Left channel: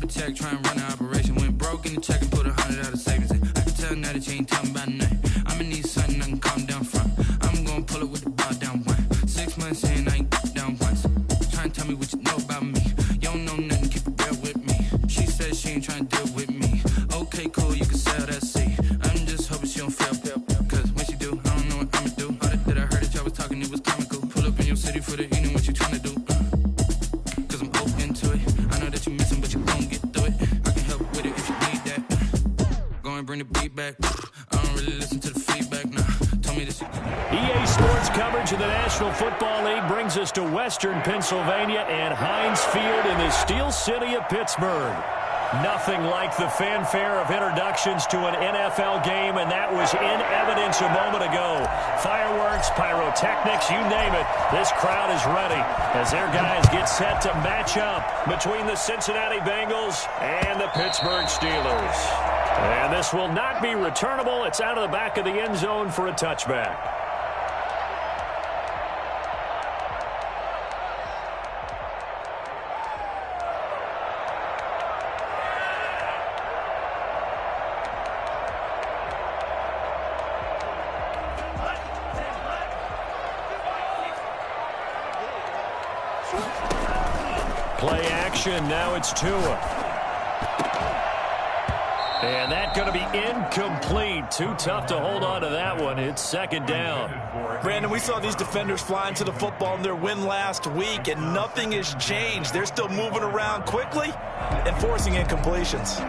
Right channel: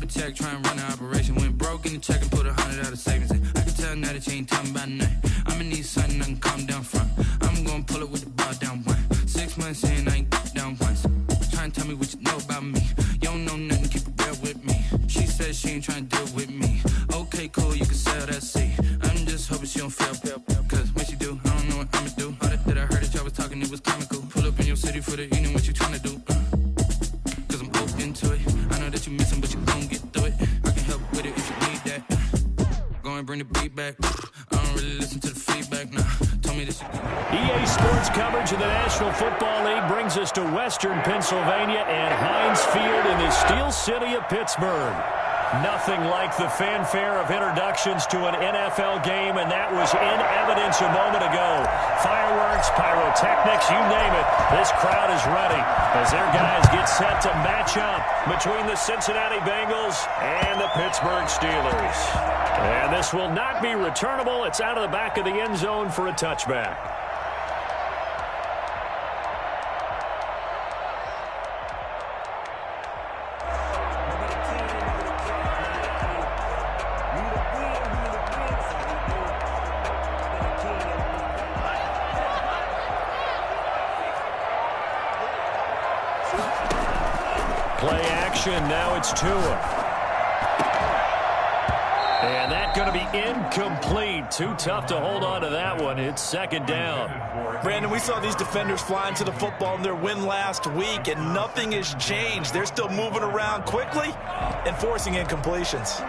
up a check, try and run an operation. Went broke in the check and put 100 out of savings in. I can tell now that you ain't talking about nothing. I'ma need something I can calm down from. I'm gonna pull it with the bar down one. 6 months in, I ain't down once. Try and tell me what you know about me. You don't know nothing, keep it real with me. She says she ain't trying to deal with me. Okay, cool, you can sell that seat. I'm just hoping she don't fail. Cause when she do, I don't know what I'ma do. All that I heard that y'all was talking, it was comical. Pull up in your city for the evening, what you trying to do? Cause I'm open to it. I know that you missing, but you gon' get through it. I can help with it if you need that. Go and bring the beat back. I don't really listen to the feedback, nah. Told me this. EA Sports coverage of the National Football League brings us to Western Pennsylvania and Heinz Field in the Steel City of Pittsburgh. Nothing like the fanfare of introductions to an NFL game, and that was in evidence a moment ago. Fireworks, pyrotechnics, you name it. This crowd is ready as their guys get set to match up between the Cincinnati Bengals and the Pittsburgh Steelers. And this will not be returnable. It's out of the back of the end zone for a touchback. Play action, now it's Tua. And that's going to be incomplete. Too tough to hold on to that one. It's second down. Brandon, we saw these defenders flying to the football in their win last week, and nothing has changed. They're still moving around quickly and forcing incompletions.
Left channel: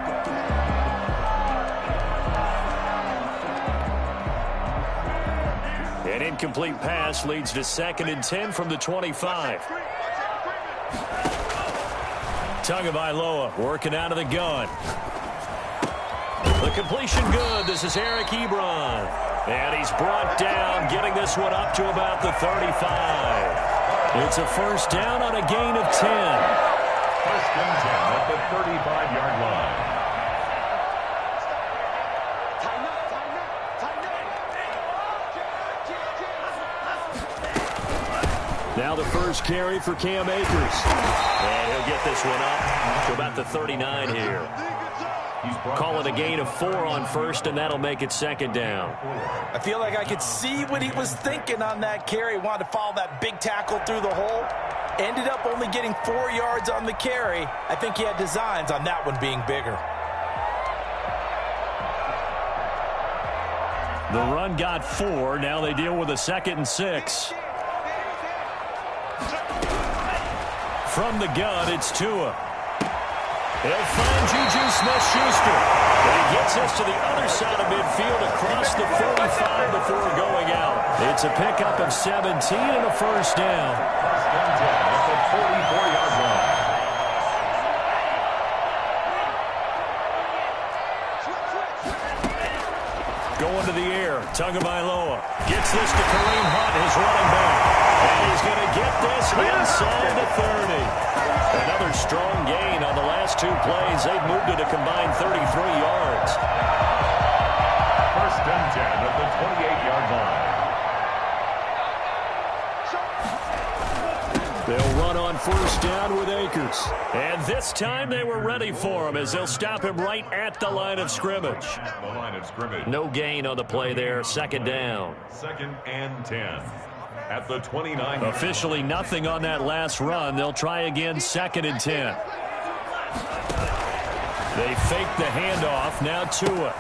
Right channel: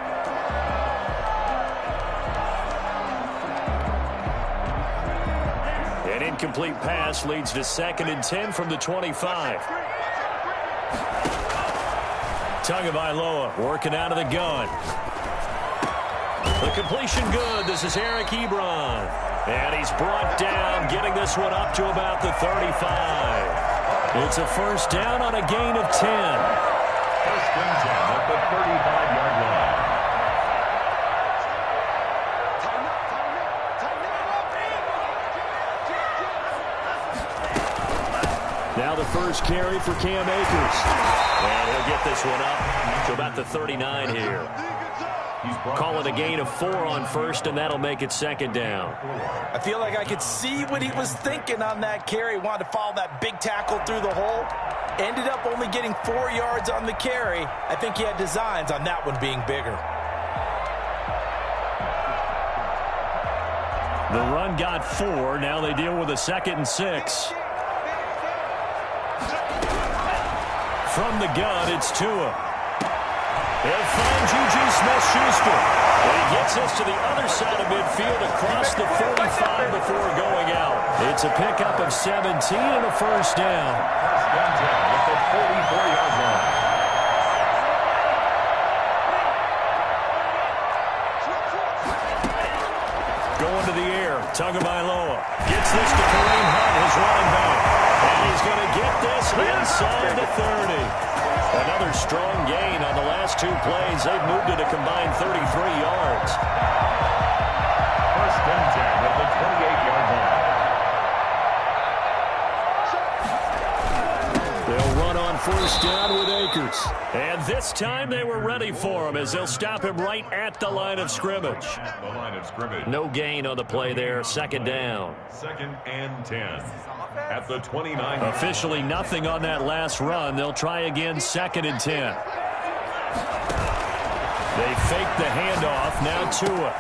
An incomplete pass leads to 2nd and 10 from the 25. Tagovailoa working out of the gun. The completion good. This is Eric Ebron. And he's brought down, getting this one up to about the 35. It's a first down on a gain of 10. First and 10 at the 35-yard line. Now the first carry for Cam Akers. And he'll get this one up to about the 39 here. Call it a gain of 4 on first, and that'll make it second down. I feel like I could see what he was thinking on that carry. Wanted to follow that big tackle through the hole. Ended up only getting 4 yards on the carry. I think he had designs on that one being bigger. The run got 4. Now they deal with a 2nd and 6. From the gun, it's Tua. He'll find Juju Smith-Schuster. And he gets us to the other side of midfield across the 45 before going out. It's a pickup of 17 and a first down. First and 10 at the 44-yard line. Going to the air, Tagovailoa gets this to Kareem Hunt, his running back. And he's going to get this inside the 30. Another strong gain on the last 2 plays. They've moved it a combined 33 yards. First and 10 at the 28-yard line. They'll run on first down with Akers. And this time they were ready for him as they'll stop him right at the line of scrimmage. The line of scrimmage. No gain on the play there. Second down. 2nd and 10 at the 29. Officially nothing on that last run. They'll try again 2nd and 10. They fake the handoff. Now Tua.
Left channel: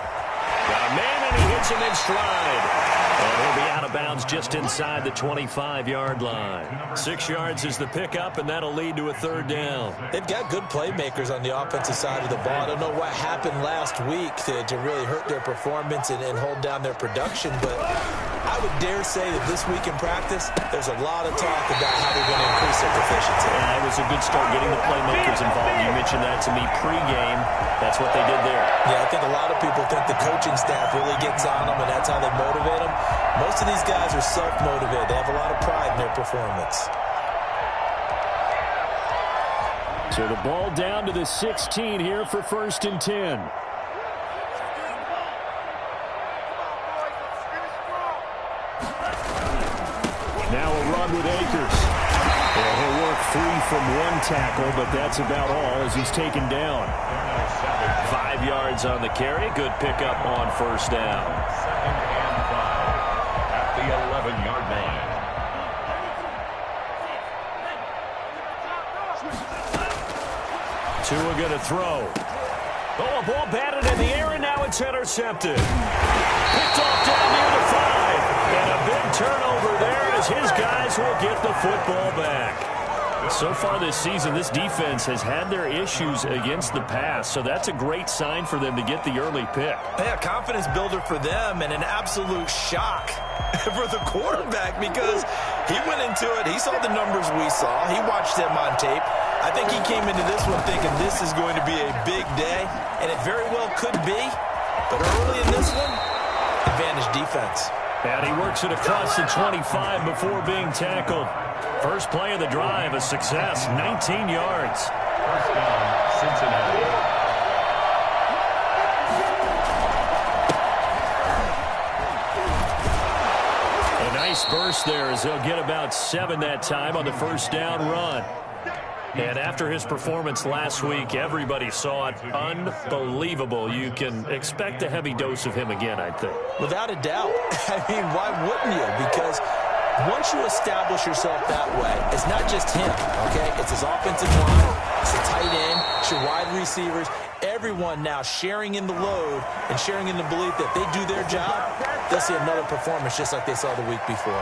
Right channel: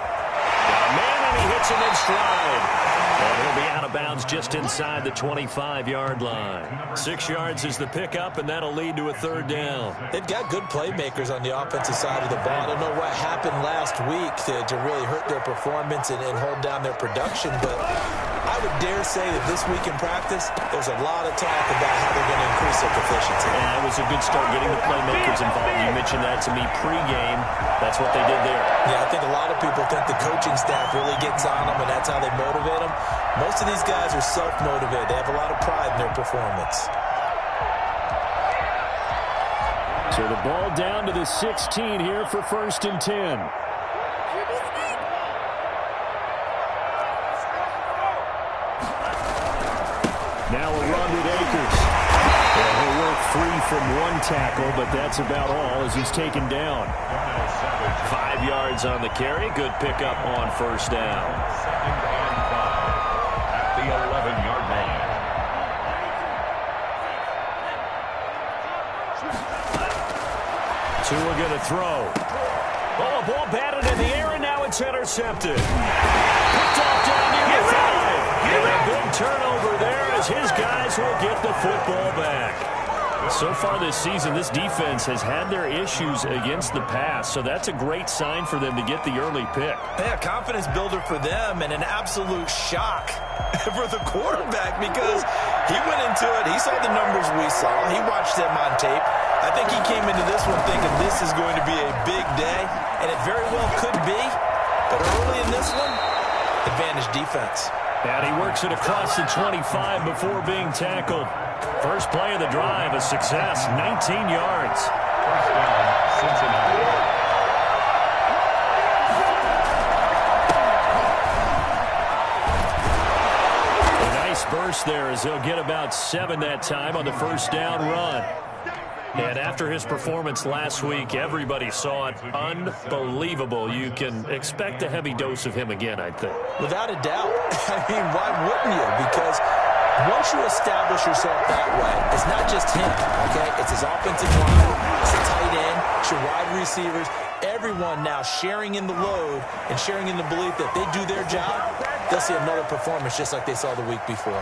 Got a man and he hits him in stride. And he'll be out of bounds just inside the 25-yard line. 6 yards is the pickup, and that'll lead to a third down. They've got good playmakers on the offensive side of the ball. I don't know what happened last week to really hurt their performance and hold down their production, but I would dare say that this week in practice, there's a lot of talk about how they're going to increase their proficiency. Yeah, it was a good start getting the playmakers involved. You mentioned that to me pregame. That's what they did there. Yeah, I think a lot of people think the coaching staff really gets on them, and that's how they motivate them. Most of these guys are self-motivated. They have a lot of pride in their performance. So the ball down to the 16 here for first and 10. Now a run with Akers. And he'll work free from one tackle, but that's about all as he's taken down. 5 yards on the carry. Good pickup on first down. 2nd and 5 at the 11-yard line. Tua going to throw. Oh, a ball batted in the air, and now it's intercepted. Picked off down near the 5. And a big turnover there as his guys will get the football back. So far this season, this defense has had their issues against the pass, so that's a great sign for them to get the early pick. Yeah, confidence builder for them and an absolute shock for the quarterback because he went into it. He saw the numbers we saw. He watched them on tape. I think he came into this one thinking this is going to be a big day, and it very well could be. But early in this one, advantage defense. And he works it across the 25 before being tackled. First play of the drive, a success, 19 yards. First down, Cincinnati. A nice burst there as they'll get about 7 that time on the first down run. And after his performance last week, everybody saw it. Unbelievable. You can expect a heavy dose of him again, I think. Without a doubt. I mean, why wouldn't you? Because once you establish yourself that way, it's not just him, okay? It's his offensive line, it's the tight end, it's your wide receivers, everyone now sharing in the load and sharing in the belief that they do their job, they'll see another performance just like they saw the week before.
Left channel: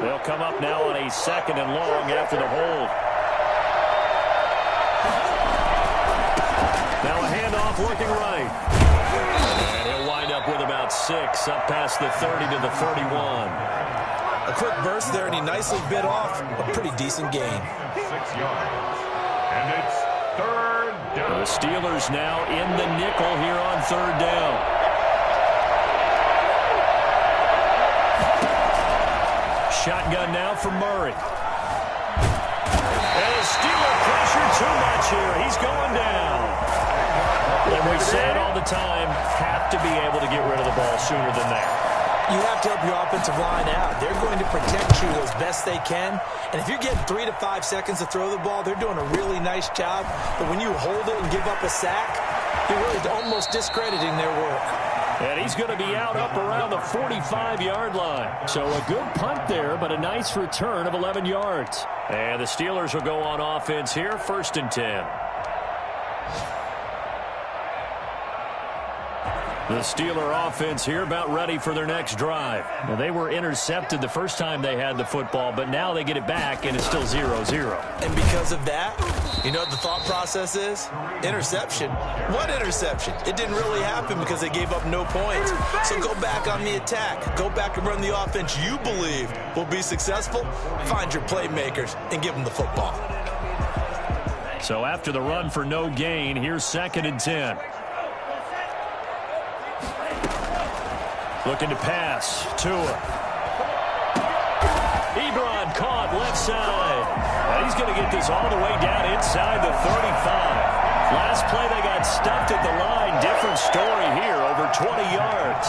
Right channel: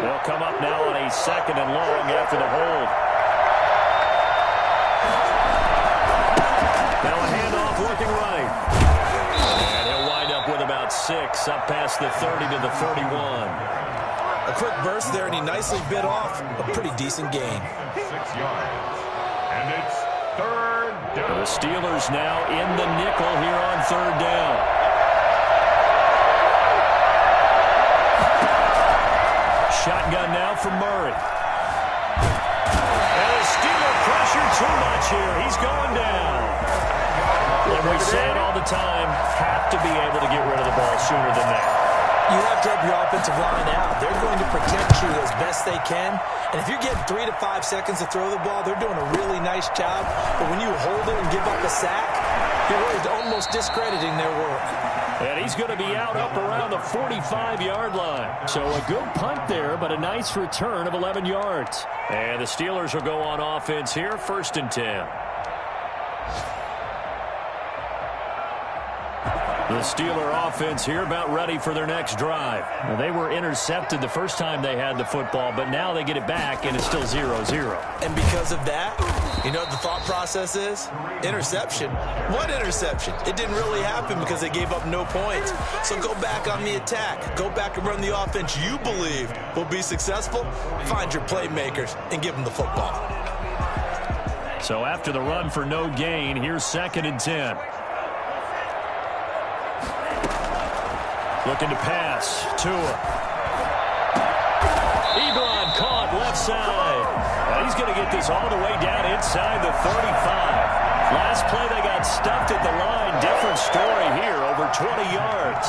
They'll come up now on a 2nd and long after the hold. Now a handoff looking right. And he'll wind up with about 6 up past the 30 to the 31. A quick burst there, and he nicely bit off a pretty decent gain. 6 yards. And it's 3rd down. The Steelers now in the nickel here on 3rd down. Shotgun now for Murray. And the Steeler pressure too much here. He's going down. And we say it all the time, have to be able to get rid of the ball sooner than that. You have to help your offensive line out. They're going to protect you as best they can. And if you're getting 3 to 5 seconds to throw the ball, they're doing a really nice job. But when you hold it and give up a sack, you're really almost discrediting their work. And he's going to be out up around the 45-yard line. So a good punt there, but a nice return of 11 yards. And the Steelers will go on offense here, 1st and 10. The Steeler offense here about ready for their next drive. Now, they were intercepted the first time they had the football, but now they get it back, and it's still 0-0. And because of that, you know what the thought process is? Interception. What interception? It didn't really happen because they gave up no points. So go back on the attack. Go back and run the offense you believe will be successful. Find your playmakers and give them the football. So after the run for no gain, here's 2nd and 10. Looking to pass. Tua. Ebron caught left side. Now he's going to get this all the way down inside the 35. Last play they got stuffed at the line. Different story here, over 20 yards.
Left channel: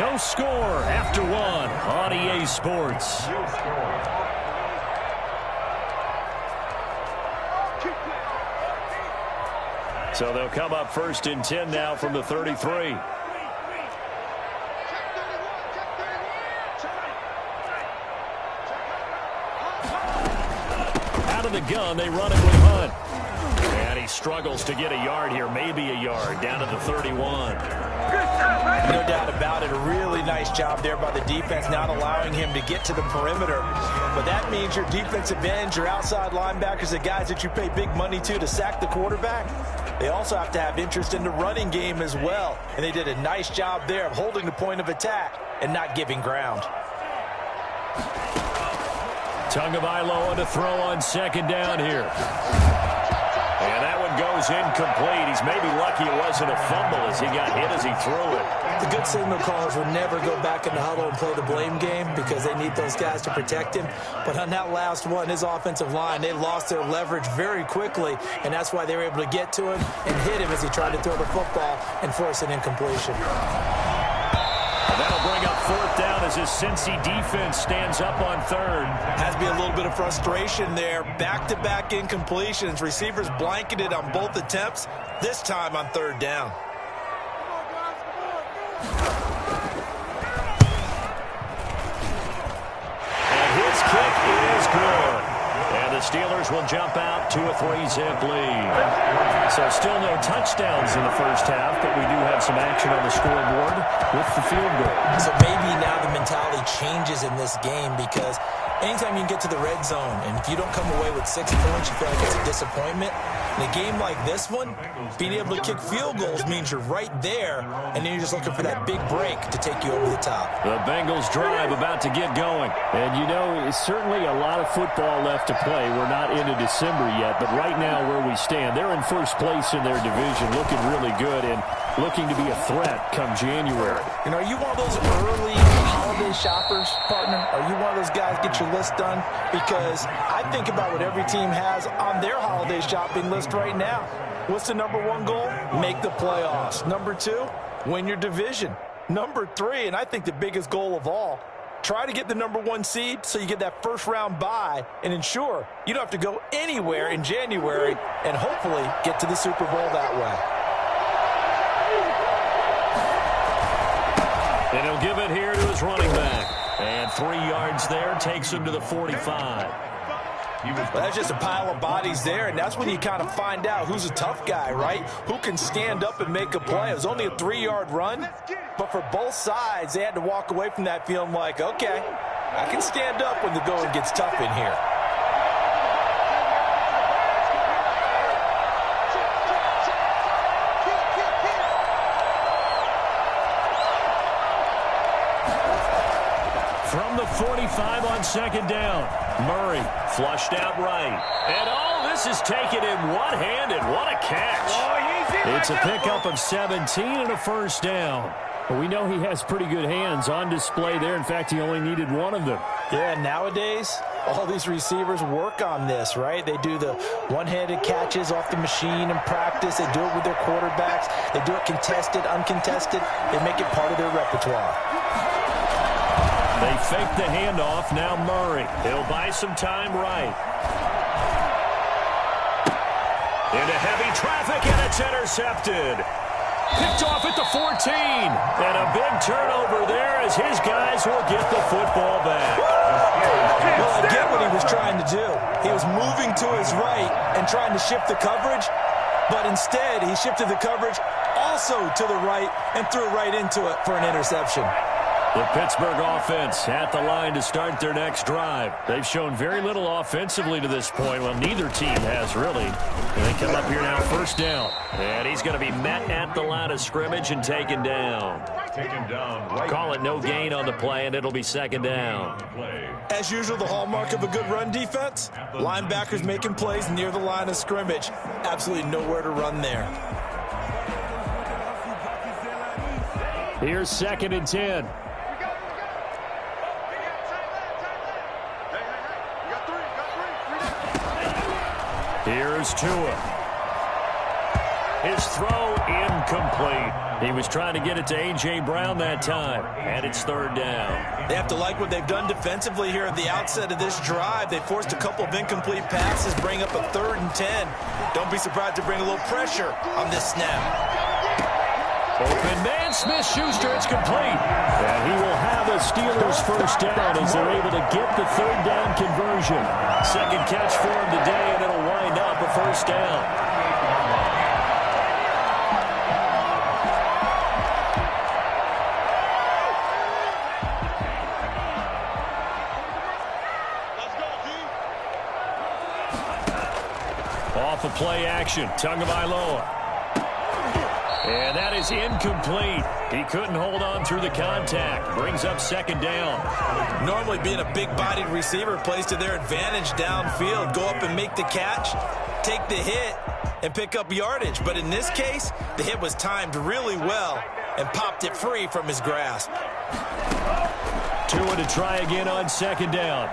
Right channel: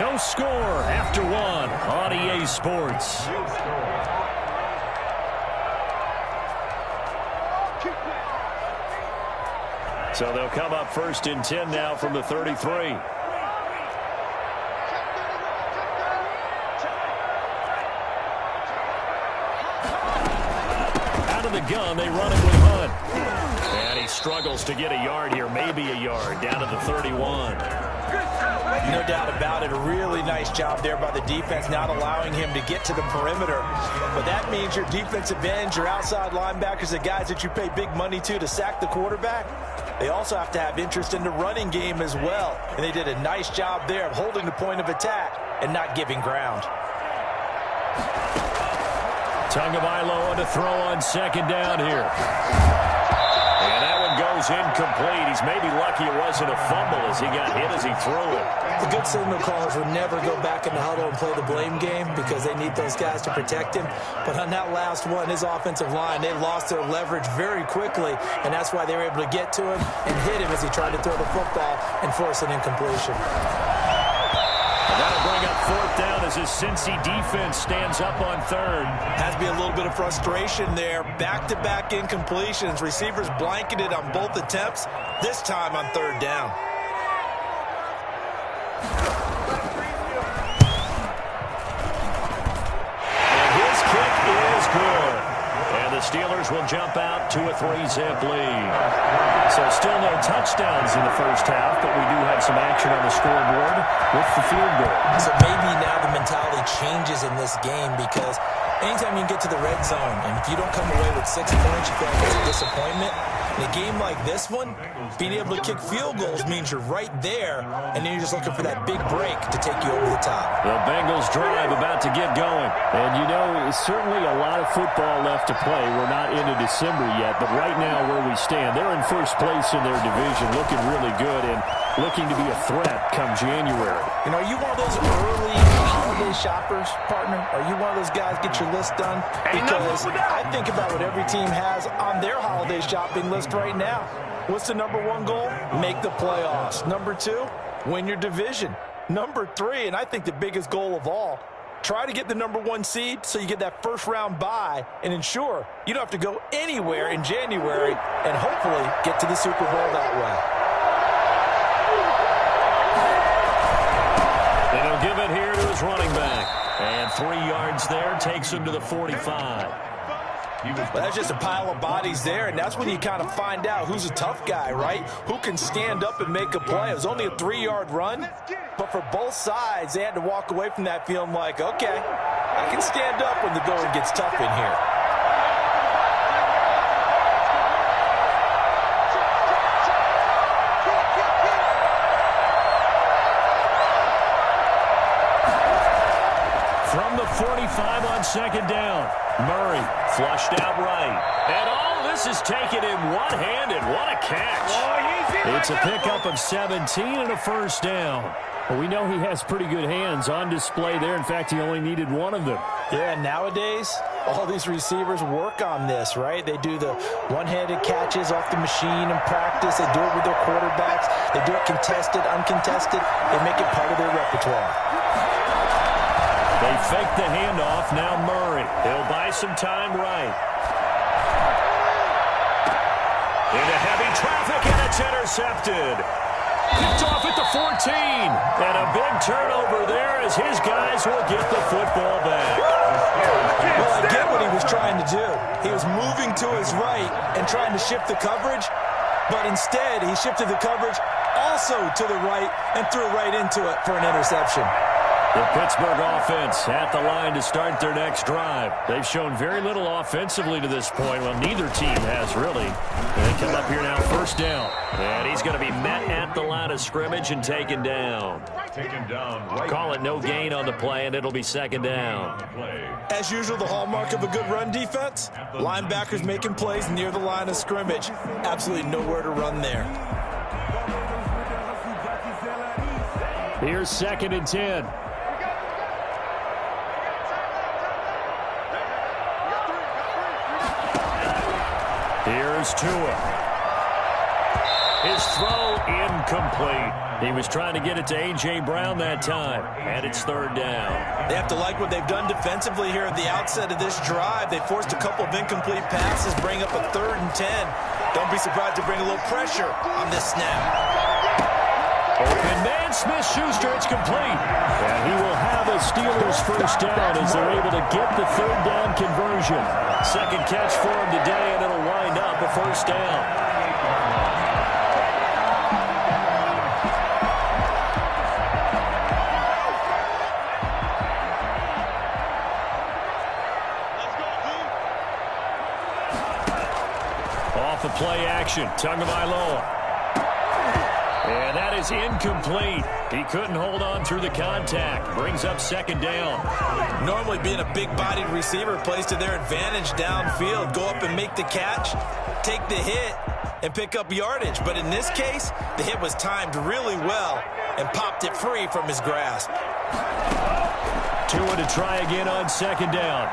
No score after 1 on EA Sports. So they'll come up 1st and 10 now from the 33. Out of the gun, they run it with Hunt. And he struggles to get a yard here, maybe a yard, down to the 31. No doubt about it. A really nice job there by the defense, not allowing him to get to the perimeter. But that means your defensive ends, your outside linebackers, the guys that you pay big money to sack the quarterback, they also have to have interest in the running game as well. And they did a nice job there of holding the point of attack and not giving ground. Tagovailoa to throw on 2nd down here. And that one goes goes incomplete. He's maybe lucky it wasn't a fumble as he got hit as he threw it. The good signal callers would never go back in the huddle and play the blame game because they need those guys to protect him. But on that last one, his offensive line, they lost their leverage very quickly, and that's why they were able to get to him and hit him as he tried to throw the football and force an incompletion. And that'll bring up fourth down as his Cincy defense stands up on third. Has to be a little bit of frustration there. Back-to-back incompletions. Receivers blanketed on both attempts, this time on third down. And his kick is good. And the Steelers will jump out to a 3-zip lead. So still no touchdowns in the first half, but we do have some action on the scoreboard with the field goal. So maybe now the mentality changes in this game because anytime you can get to the red zone, and if you don't come away with 6 points, you feel like it's a disappointment. In a game like this one, being able to kick field goals means you're right there, and then you're just looking for that big break to take you over the top. The Bengals drive about to get going. And, you know, it's certainly a lot of football left to play. We're not into December yet, but right now where we stand, they're in first place in their division, looking really good and looking to be a threat come January. You know, are you one of those early holiday shoppers, partner? Are you one of those guys get your list done? Because I think about what every team has on their holiday shopping list right now. What's the number one goal? Make the playoffs. Number 2, win your division. Number 3, and I think the biggest goal of all, try to get the number 1 seed so you get that first round bye and ensure you don't have to go anywhere in January and hopefully get to the Super Bowl that way. And he'll give it here to his running back. And 3 yards there takes him to the 45. Well, that's just a pile of bodies there, and that's when you kind of find out who's a tough guy, right? Who can stand up and make a play. It was only a 3-yard run, but for both sides, they had to walk away from that feeling like, okay, I can stand up when the going gets tough in here. From the 45 on second down, Murray flushed out right. And all this is taken in one-handed. What a catch. It's a pickup of 17 and a first down. Well, we know he has pretty good hands on display there. In fact, he only needed one of them. Yeah, nowadays, all these receivers work on this, right? They do the one-handed catches off the machine in practice. They do it with their quarterbacks. They do it contested, uncontested. They make it part of their repertoire. They fake the handoff. Now Murray. He'll buy some time right. Into heavy traffic, and it's intercepted. Picked off at the 14. And a big turnover there as his guys will get the football back. Well, I get what he was trying to do. He was moving to his right and trying to shift the coverage, but instead he shifted the coverage also to the right and threw right into it for an interception. The Pittsburgh offense at the line to start their next drive. They've shown very little offensively to this point. Well, neither team has really. And they come up here now first down. And he's going to be met at the line of scrimmage and taken down. Call it no gain on the play, and it'll be second down. As usual, the hallmark of a good run defense, linebackers making plays near the line of scrimmage. Absolutely nowhere to run there. Here's 2nd and 10. Here's Tua. His throw incomplete. He was trying to get it to A.J. Brown that time, and it's third down. They have to like what they've done defensively here at the outset of this drive. They forced a couple of incomplete passes, bring up a 3rd and 10. Don't be surprised to bring a little pressure on this snap. Open man, Smith-Schuster, it's complete. And he will have a Steelers first down as they're able to get the 3rd down conversion. Second catch for him today, and it'll wind up a first down. Off of play action, Tagovailoa. And that is incomplete. He couldn't hold on through the contact. Brings up second down. Normally being a big-bodied receiver plays to their advantage downfield. Go up and make the catch, take the hit, and pick up yardage. But in this case, the hit was timed really well and popped it free from his grasp. Tua to try again on second down.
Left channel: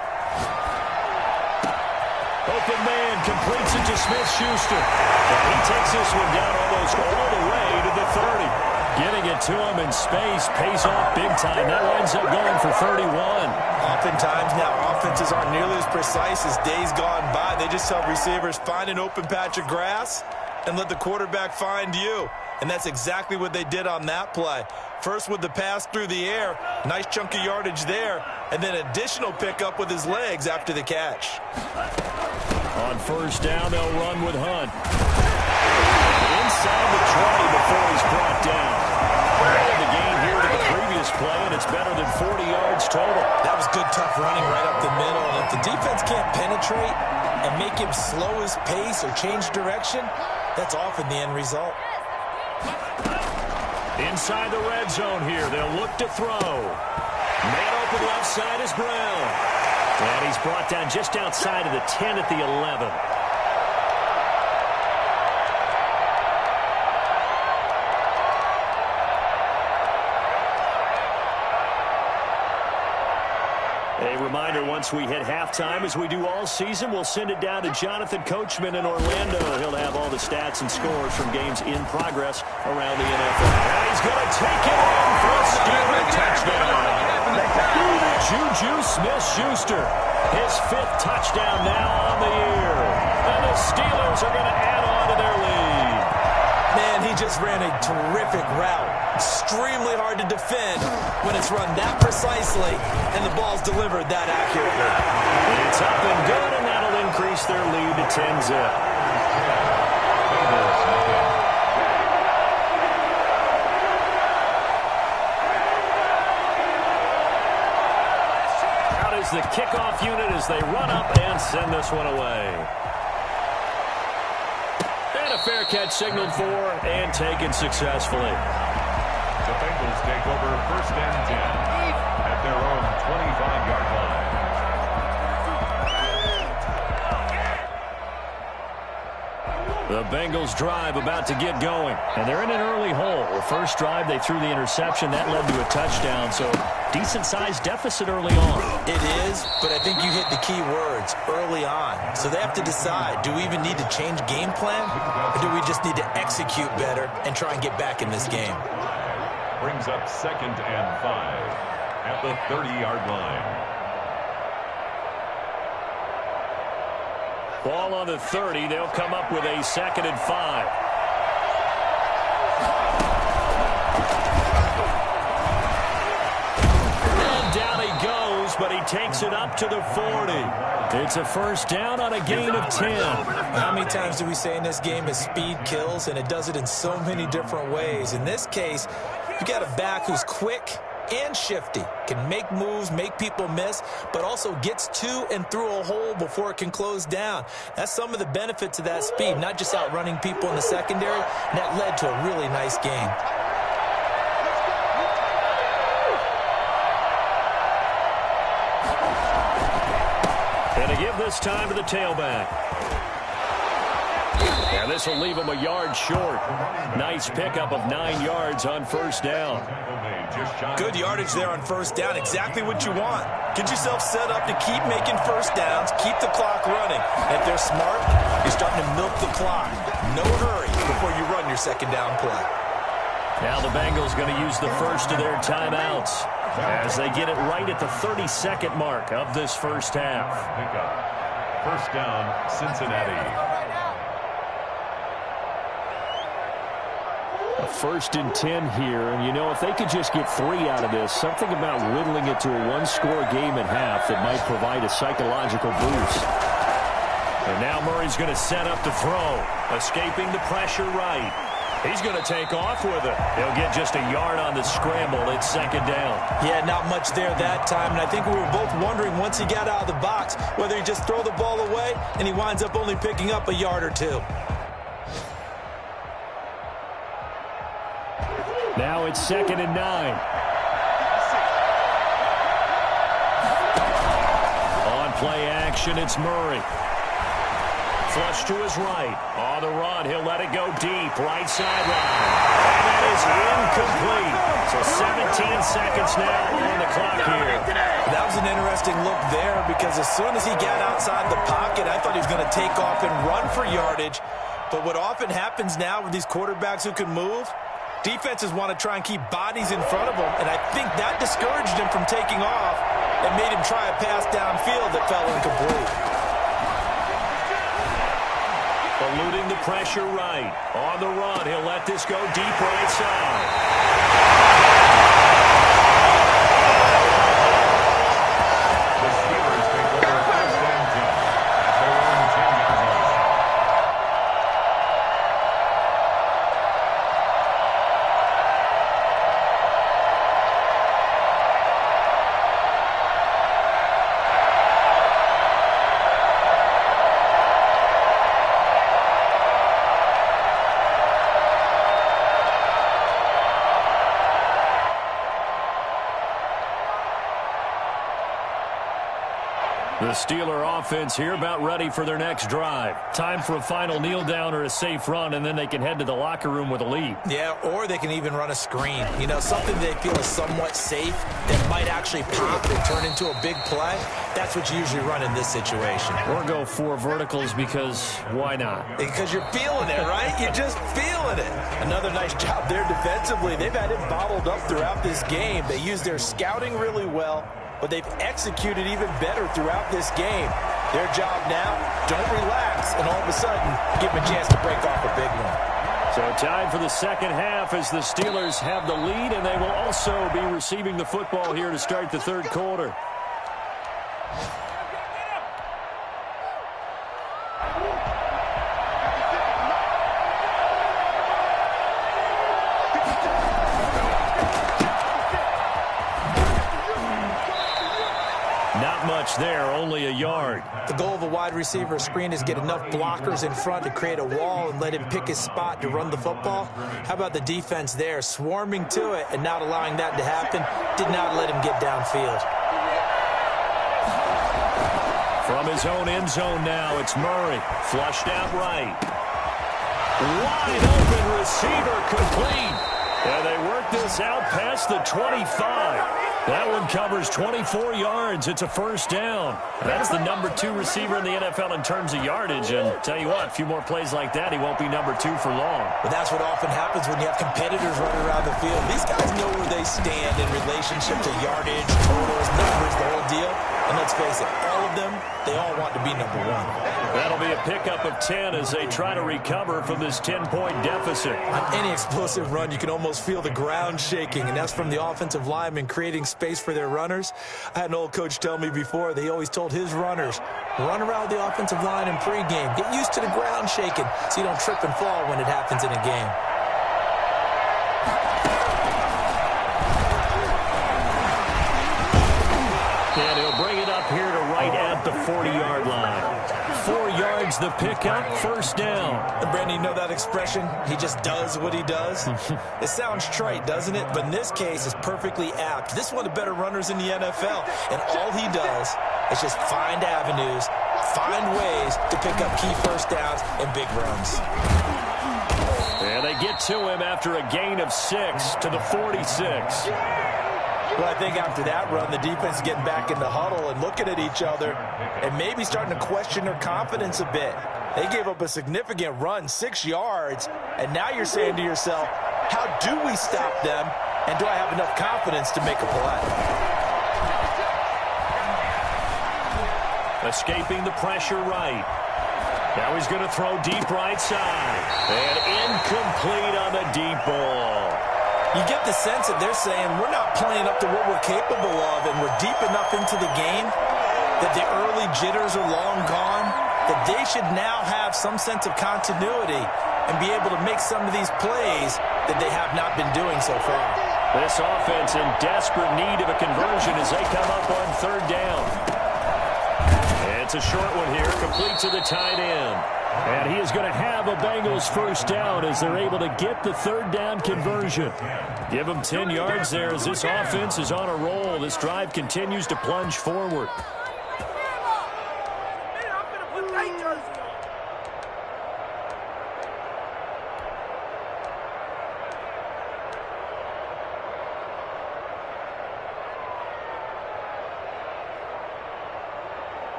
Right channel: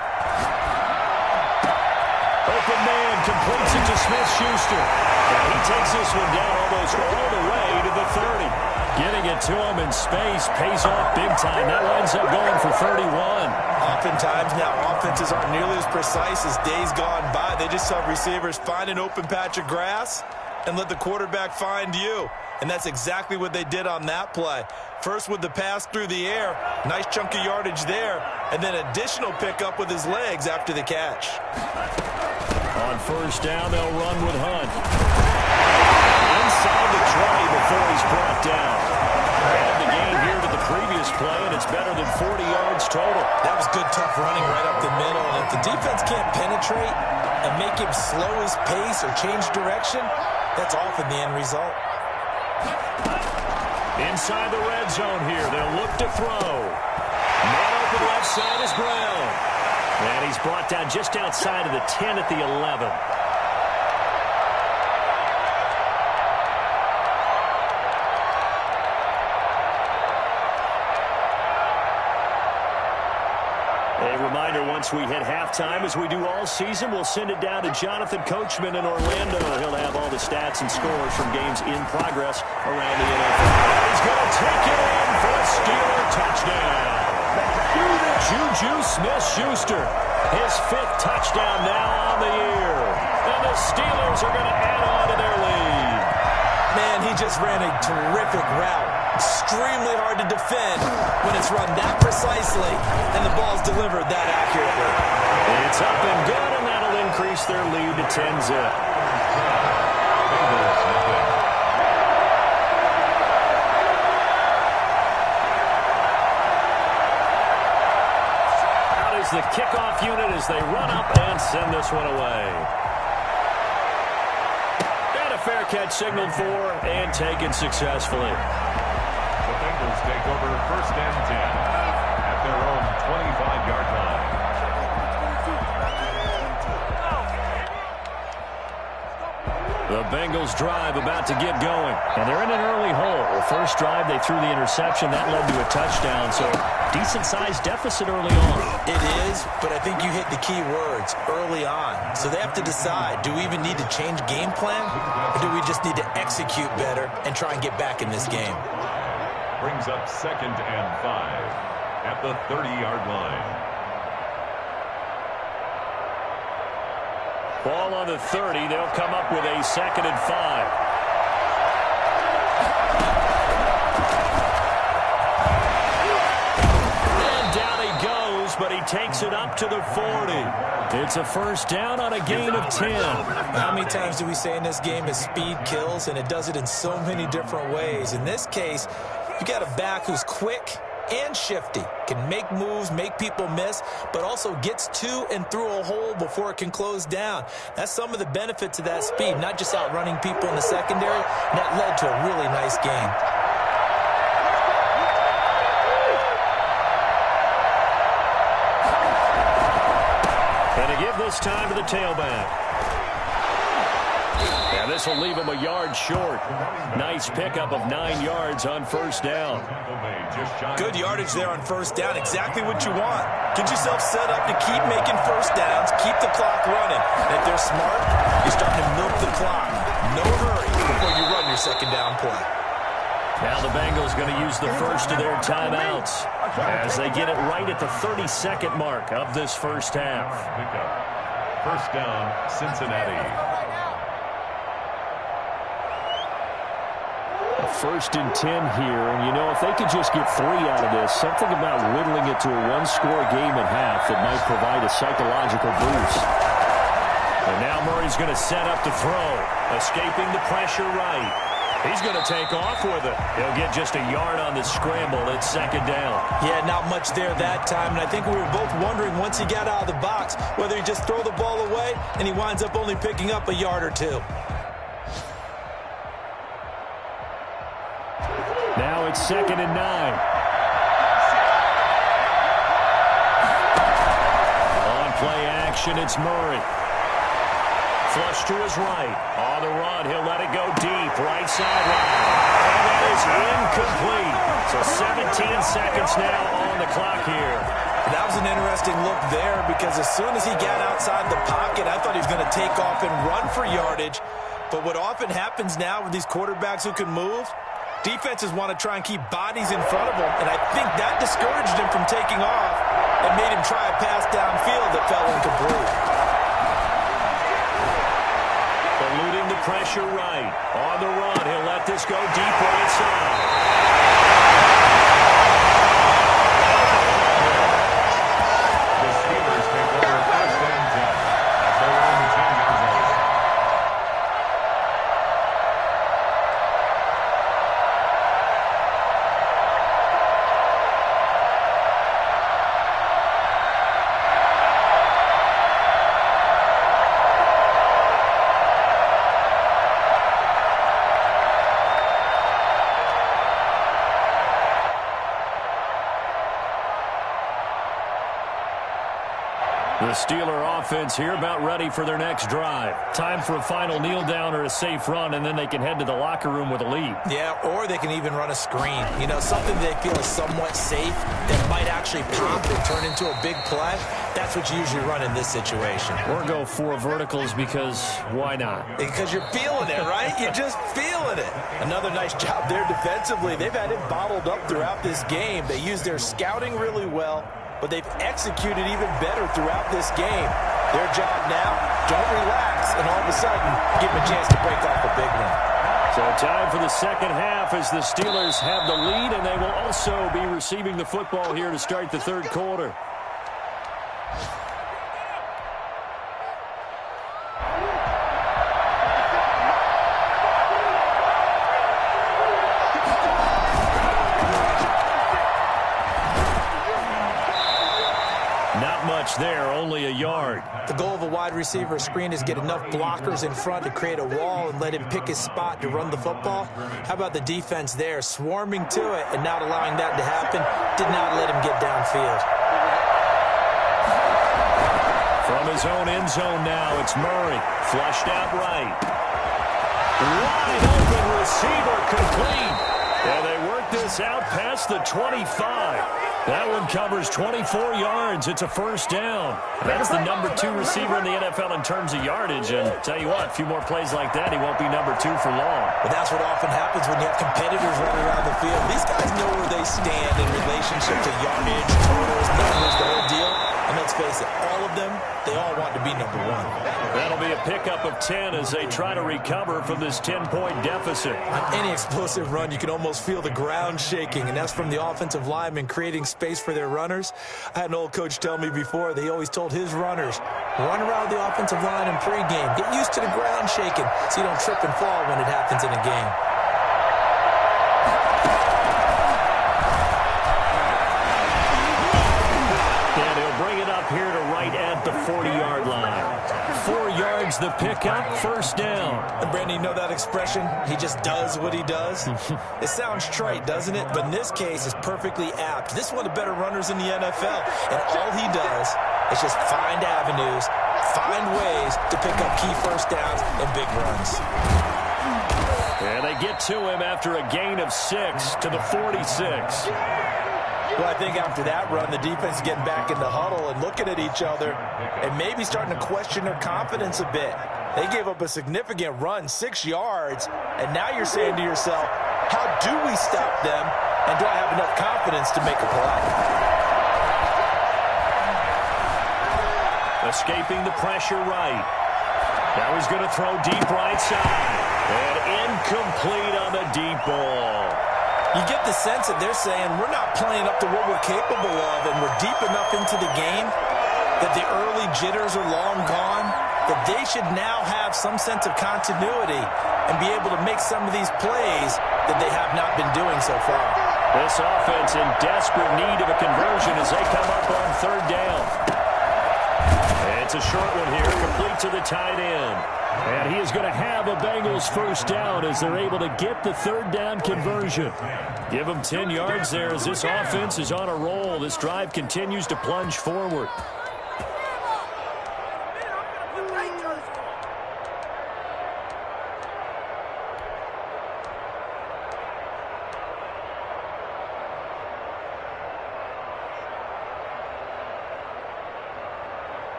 Open man completes it to Smith-Schuster. And he takes this one down almost all the way to the 30. Getting it to him in space pays off big time. That winds up going for 31. Oftentimes now offenses aren't nearly as precise as days gone by. They just have receivers find an open patch of grass and let the quarterback find you. And that's exactly what they did on that play. First with the pass through the air, nice chunk of yardage there, and then additional pickup with his legs after the catch. On first down, they'll run with Hunt. Inside the 20 before he's brought down. Added the gain here to the previous play, and it's better than 40 yards total. That was good, tough running right up the middle. And if the defense can't penetrate and make him slow his pace or change direction, that's often the end result. Inside the red zone here, they'll look to throw. Man open left side is Brown. And he's brought down just outside of the 10 at the 11. A reminder, once we hit halftime, as we do all season, we'll send it down to Jonathan Coachman in Orlando. He'll have all the stats and scores from games in progress around the NFL. And he's going to take it in for a Steeler touchdown. Juju Smith-Schuster, his 5th touchdown now on the year. And the Steelers are going to add on to their lead. Man, he just ran a terrific route. Extremely hard to defend when it's run that precisely and the ball's delivered that accurately. It's up and good, and that'll increase their lead to 10-zip. Out is the kickoff unit as they run up and send this one away. And a fair catch signaled for and taken successfully. The Bengals take over 1st and 10 at their own 25-yard line. The Bengals drive about to get going. And they're in an early hole. The first drive, they threw the interception. That led to a touchdown. So decent-sized deficit early on. It is, but I think you hit the key words, early on. So they have to decide, do we even need to change game plan? Or do we just need to execute better and try and get back in this game? Brings up 2nd and 5 at the 30-yard line. Ball on the 30. They'll come up with a 2nd and 5. And down he goes, but he takes it up to the 40. It's a first down on a gain of 10. How many times do we say in this game is speed kills, and it does it in so many different ways. In this case, you got a back who's quick and shifty, can make moves, make people miss, but also gets to and through a hole before it can close down. That's some of the benefits of that speed, not just outrunning people in the secondary, and that led to a really nice game. And to give this time to the tailback. And this will leave him a yard short. Nice pickup of 9 yards on first down. Good yardage there on first down. Exactly what you want. Get yourself set up to keep making first downs, keep the clock running. And if they're smart, you're starting to milk the clock. No hurry before you run your second down play. Now the Bengals going to use the first of their timeouts as they get it right at the 32nd mark of this first half. First down, Cincinnati. A 1st and 10 here, and you know, if they could just get 3 out of this, something about whittling it to a 1-score game at half that might provide a psychological boost. And now Murray's going to set up to throw, escaping the pressure right. He's going to take off with it. He'll get just a yard on the scramble. It's 2nd down. Yeah, not much there that time, and I think we were both wondering once he got out of the box whether he just throw the ball away, and he winds up only picking up a yard or 2. Now it's 2nd and 9. On play action, it's Murray. Flush to his right. On the run, he'll let it go deep. Right sideline. And that is incomplete. So 17 seconds now on the clock here. That was an interesting look there because as soon as he got outside the pocket, I thought he was going to take off and run for yardage. But what often happens now with these quarterbacks who can move, defenses want to try and keep bodies in front of them, and I think that discouraged him from taking off and made him try a pass downfield that fell incomplete. Eluding the pressure right. On the run, he'll let this go deep right side. The Steelers take over 1st and 10 at their own 10-yard line. The Steeler offense here about ready for their next drive. Time for a final kneel down or a safe run, and then they can head to the locker room with a lead. Yeah, or they can even run a screen. You know, something they feel is somewhat safe that might actually pop and turn into a big play. That's what you usually run in this situation. Or go 4 verticals because why not? Because you're feeling it, right? You're just feeling it. Another nice job there defensively. They've had him bottled up throughout this game. They used their scouting really well, but they've executed even better throughout this game. Their job now, don't relax, and all of a sudden, give them a chance to break off a big one. So time for the second half as the Steelers have the lead, and they will also be receiving the football here to start the third quarter. Not much there, only a yard. The goal of a wide receiver screen is get enough blockers in front to create a wall and let him pick his spot to run the football. How about the defense there, swarming to it and not allowing that to happen? Did not let him get downfield. From his own end zone now, it's Murray. Flushed out right. Wide open receiver complete. And they work this out past the 25. That one covers 24 yards. It's a first down. That's the number 2 receiver in the NFL in terms of yardage. And tell you what, a few more plays like that, he won't be number 2 for long. But that's what often happens when you have competitors running around the field. These guys know where they stand in relationship to yardage, totals, numbers, the whole deal. And let's face it, all of them, they all want to be number 1. That'll be a pickup of 10 as they try to recover from this 10-point deficit. On any explosive run, you can almost feel the ground shaking, and that's from the offensive linemen creating space for their runners. I had an old coach tell me before that he always told his runners, run around the offensive line in pregame. Get used to the ground shaking so you don't trip and fall when it happens in a game. And he'll bring it up here to right at the 40-yard line. 4 yards the pickup, first down. And Brandon, you know that expression? He just does what he does? It sounds trite, doesn't it? But in this case, it's perfectly apt. This is one of the better runners in the NFL. And all he does is just find avenues, find ways to pick up key first downs and big runs. And they get to him after a gain of 6 to the 46. Well, I think after that run, the defense is getting back in the huddle and looking at each other and maybe starting to question their confidence a bit. They gave up a significant run, 6 yards, and now you're saying to yourself, how do we stop them, and do I have enough confidence to make a play? Escaping the pressure right. Now he's going to throw deep right side. And incomplete on the deep ball. You get the sense that they're saying we're not playing up to what we're capable of, and we're deep enough into the game that the early jitters are long gone, that they should now have some sense of continuity and be able to make some of these plays that they have not been doing so far. This offense in desperate need of a conversion as they come up on third down. It's a short one here, complete to the tight end. And he is going to have a Bengals first down as they're able to get the third down conversion. Give them 10 yards there as this offense is on a roll. This drive continues to plunge forward.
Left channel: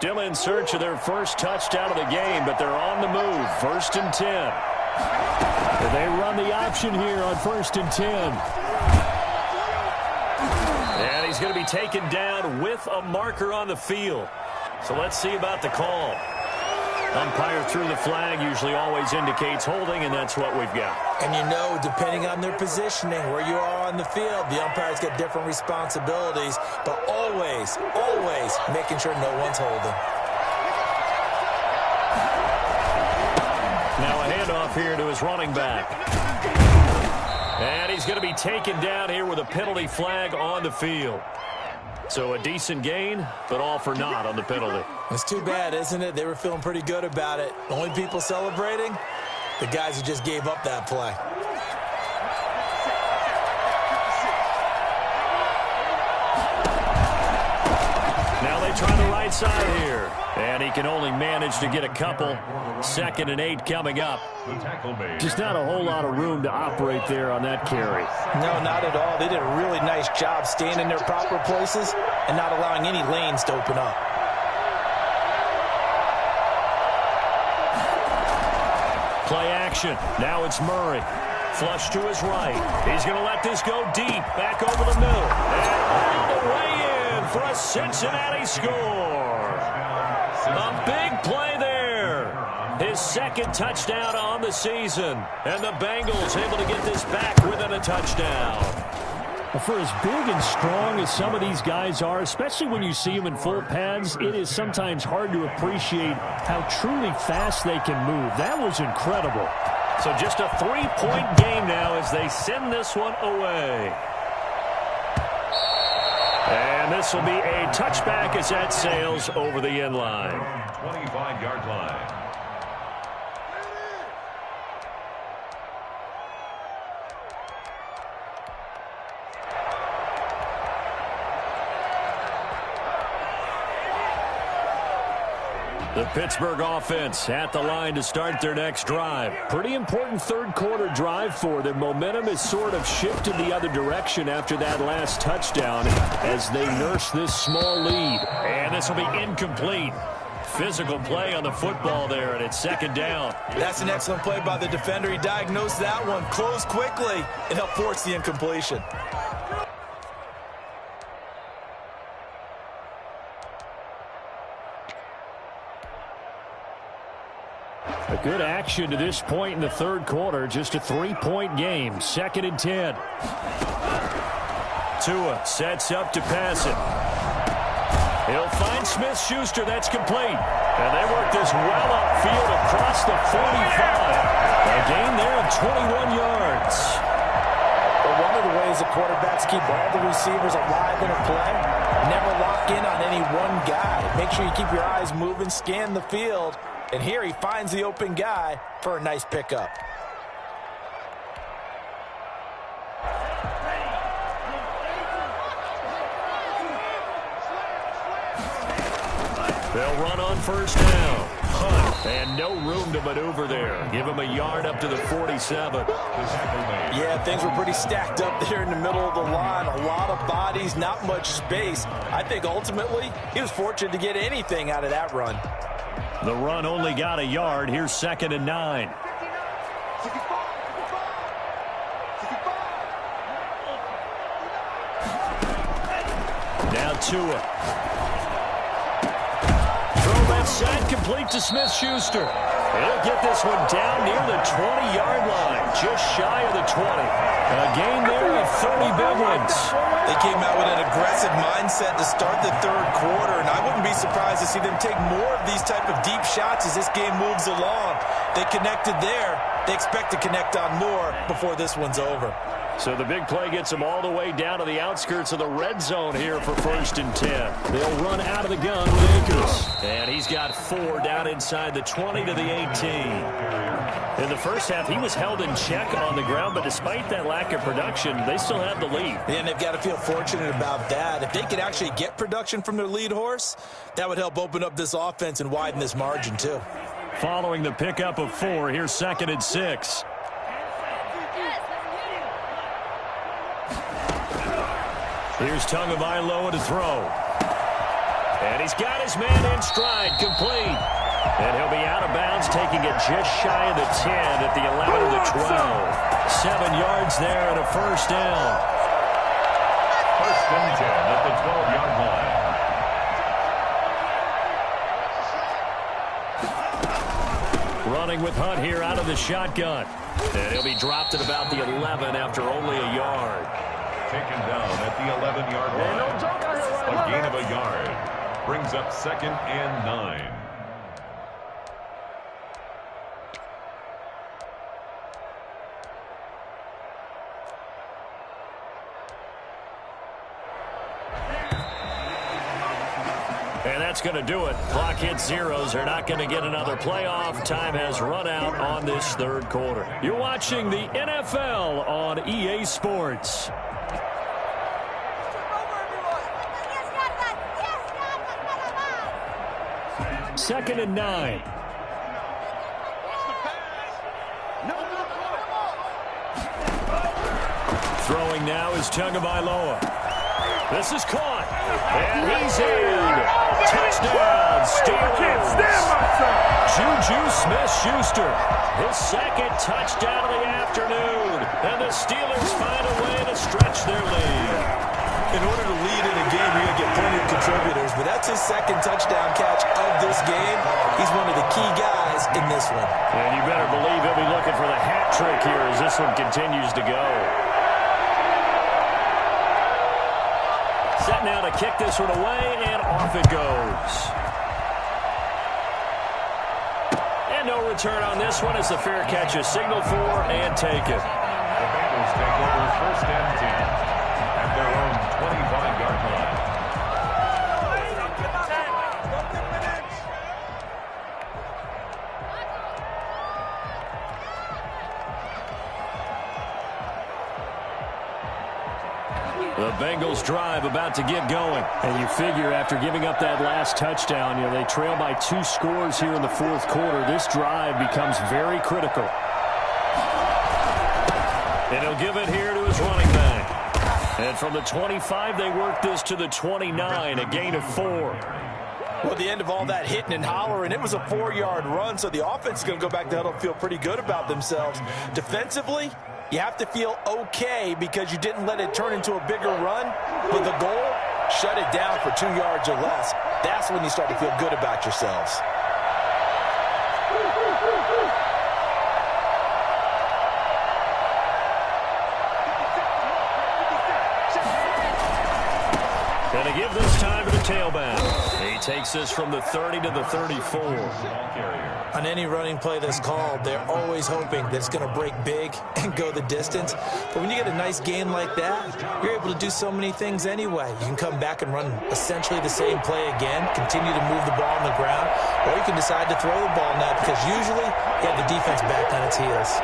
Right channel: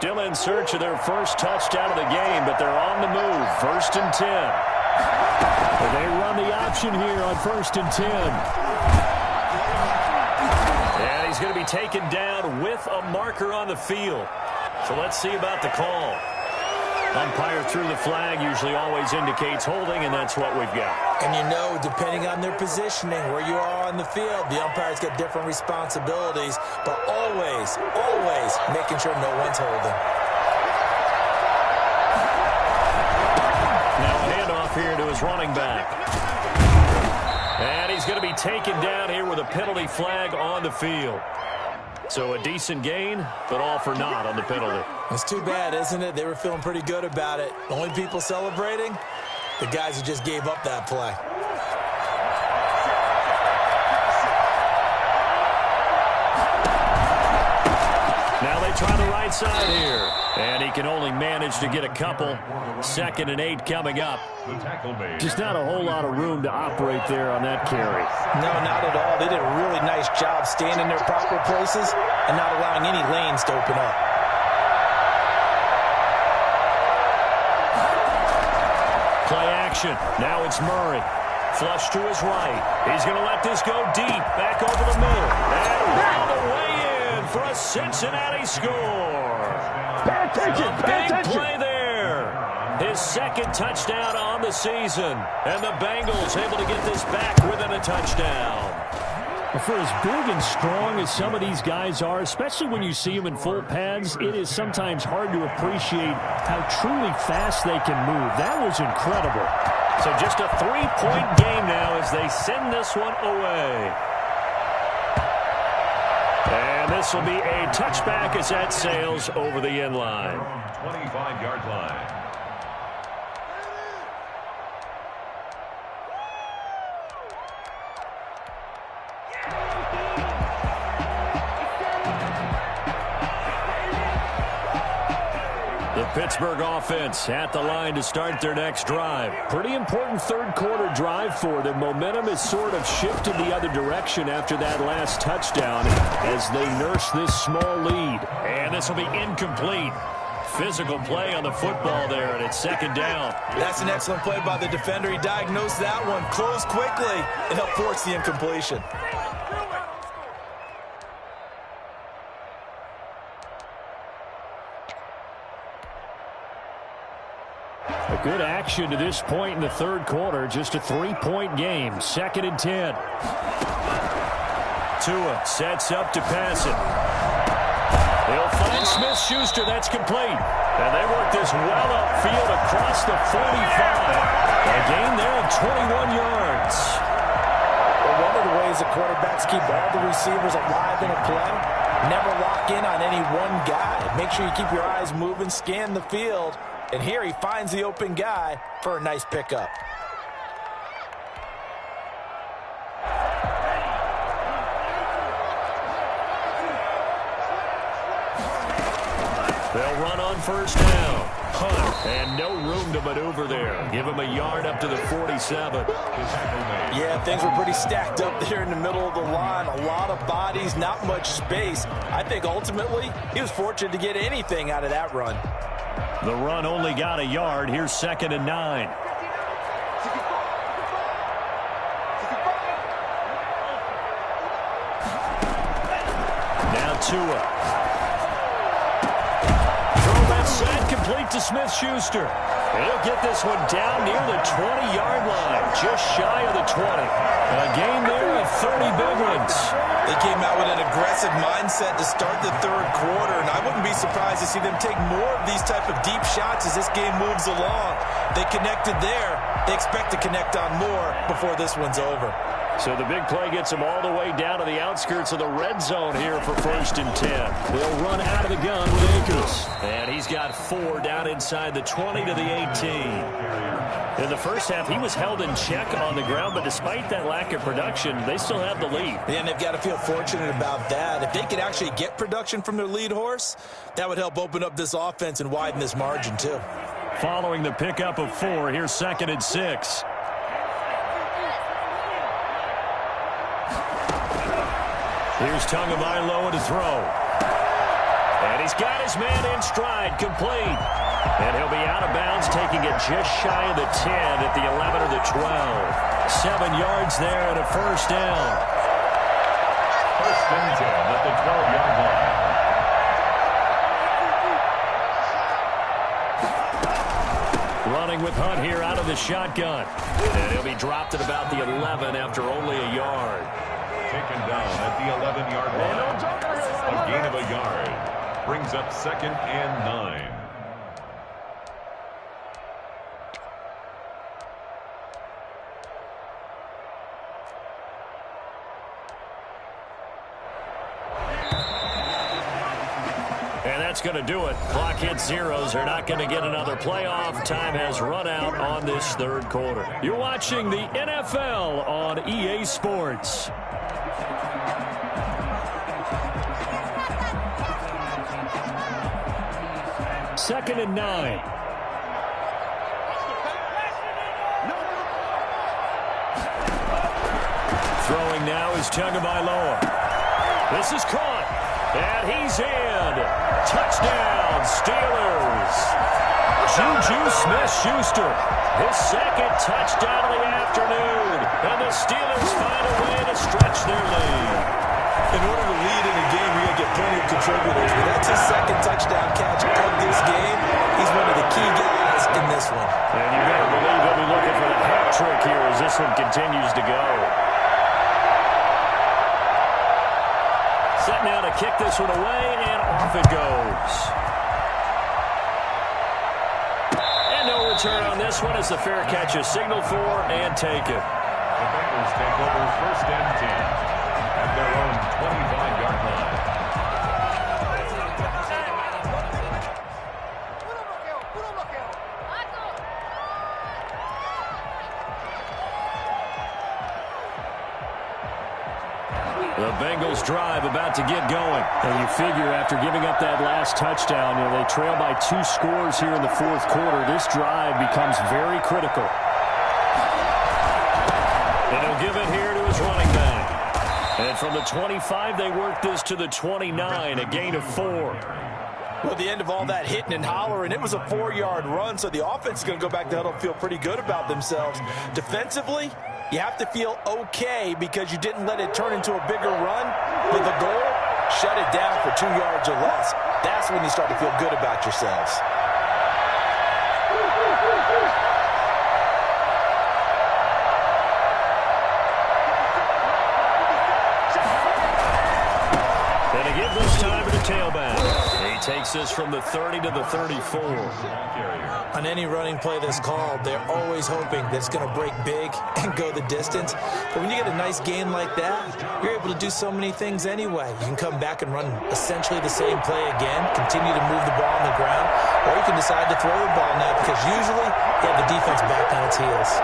Still in search of their first touchdown of the game, but they're on the move. 1st and 10. They run the option here on 1st and 10. And he's going to be taken down with a marker on the field. So let's see about the call. Umpire threw the flag, usually always indicates holding, and that's what we've got. And you know, depending on their positioning, where you are on the field, the umpires get different responsibilities, but always, always making sure no one's holding. Now a handoff here to his running back. And he's going to be taken down here with a penalty flag on the field. So a decent gain, but all for naught on the penalty. It's too bad, isn't it? They were feeling pretty good about it. The only people celebrating, the guys who just gave up that play. Now they try the right side here. And he can only manage to get a couple. 2nd and 8 coming up. Just not a whole lot of room to operate there on that carry. No, not at all. They did a really nice job staying in their proper places and not allowing any lanes to open up. Play action. Now it's Murray. Flush to his right. He's going to let this go deep. Back over the middle. And all the way in for a Cincinnati score. A big play there. His 2nd touchdown on the season. And the Bengals able to get this back within a touchdown. For as big and strong as some of these guys are, especially when you see them in full pads, it is sometimes hard to appreciate how truly fast they can move. That was incredible. So just a 3-point game now as they send this one away. And this will be a touchback as that sails over the end line. 25-yard line. The Pittsburgh offense at the line to start their next drive. Pretty important third-quarter drive for them. Momentum has sort of shifted the other direction after that last touchdown as they nurse this small lead. And this will be incomplete. Physical play on the football there, and it's 2nd down. That's an excellent play by the defender. He diagnosed that one, closed quickly, and helped force the incompletion. A good action to this point in the third quarter. Just a 3-point game. 2nd and 10. Tua sets up to pass it. He'll find Smith-Schuster. That's complete. And they work this well upfield across the 45. A gain there of 21 yards. Well, one of the ways that quarterbacks keep all the receivers alive in a play, never lock in on any one guy. Make sure you keep your eyes moving, scan the field. And here he finds the open guy for a nice pickup. They'll run on 1st down. Hunt. And no room to maneuver there. Give him a yard up to the 47. Yeah, things were pretty stacked up there in the middle of the line. A lot of bodies, not much space. I think ultimately he was fortunate to get anything out of that run. The run only got a yard. Here's 2nd and 9. Now Tua. Throw left side, complete to Smith-Schuster. He'll get this one down near the 20-yard line, just shy of the 20. A gain there of 30 big ones. They came out with an aggressive mindset to start the third quarter, and I wouldn't be surprised to see them take more of these type of deep shots as this game moves along. They connected there. They expect to connect on more before this one's over. So the big play gets them all the way down to the outskirts of the red zone here for 1st and 10. They'll run out of the gun with Akers. And he's got 4 down inside the 20 to the 18. In the first half, he was held in check on the ground, but despite that lack of production, they still have the lead. And they've got to feel fortunate about that. If they could actually get production from their lead horse, that would help open up this offense and widen this margin too. Following the pickup of 4, here's 2nd and 6. Here's Tagovailoa to throw. And he's got his man in stride, complete. And he'll be out of bounds, taking it just shy of the 10 at the 11 or the 12. 7 yards there and a first down. First and 10 at the 12-yard line. Running with Hunt here out of the shotgun. And he'll be dropped at about the 11 after only a yard. Taken down at the 11-yard line. A gain of a yard. Brings up 2nd and 9. And that's going to do it. Clock hits zeros. They're not going to get another playoff. Time has run out on this third quarter. You're watching the NFL on EA Sports. Second and 9. Throwing now is Tagovailoa. This is caught. And he's in. Touchdown, Steelers. Juju Smith-Schuster. His second touchdown of the afternoon. And the Steelers find a way to stretch their lead. In order to lead in a game, you're going to get plenty of contributors. But that's his second touchdown catch of this game. He's one of the key guys in this one. And you better believe he'll be looking for the hat trick here as this one continues to go. Set now to kick this one away, and off it goes. And no return on this one as the fair catch is signaled for and taken. The Bengals take over first and 10 at their own 25-yard line. The Bengals drive about to get going. And you figure after giving up that last touchdown, they trail by 2 scores here in the fourth quarter. This drive becomes very critical. And he'll give it here to his running back. And from the 25, they work this to the 29, a gain of 4. Well, at the end of all that hitting and hollering, it was a 4-yard run, so the offense is going to go back to huddle and feel pretty good about themselves. Defensively, you have to feel okay because you didn't let it turn into a bigger run. But the goal, shut it down for 2 yards or less. That's when you start to feel good about yourselves. And to give this time to the tailback. He takes this from the 30 to the 34. On any running play that's called, they're always hoping that it's going to break big and go the distance. But when you get a nice gain like that, you're able to do so many things anyway. You can come back and run essentially the same play again, continue to move the ball on the ground, or you can decide to throw the ball now because usually you have the defense back on its heels.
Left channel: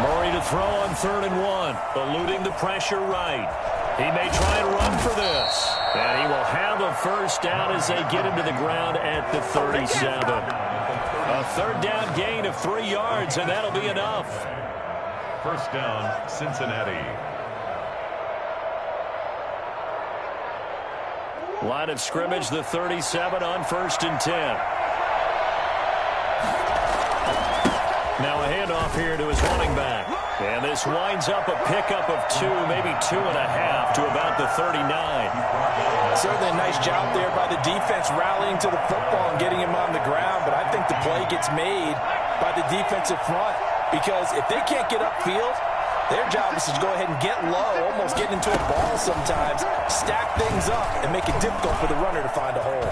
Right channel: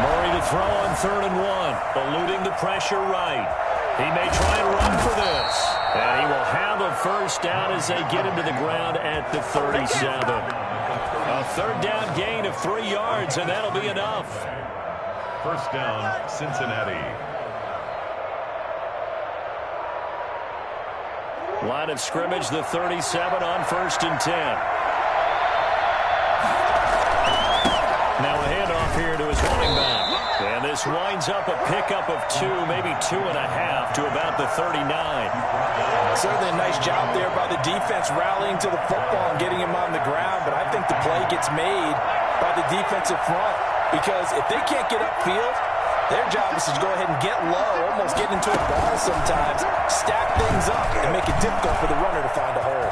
Murray to throw on 3rd and 1, eluding the pressure right. He may try and run for this. And he will have a first down as they get him to the ground at the 37. A 3rd down gain of 3 yards, and that'll be enough. First down, Cincinnati. Line of scrimmage, the 37 on 1st and 10. Now a handoff here to his running back. And this winds up a pickup of 2, maybe 2.5 to about the 39. Certainly a nice job there by the defense rallying to the football and getting him on the ground. But I think the play gets made by the defensive front because if they can't get upfield, their job is to go ahead and get low, almost get into a ball sometimes, stack things up, and make it difficult for the runner to find a hole.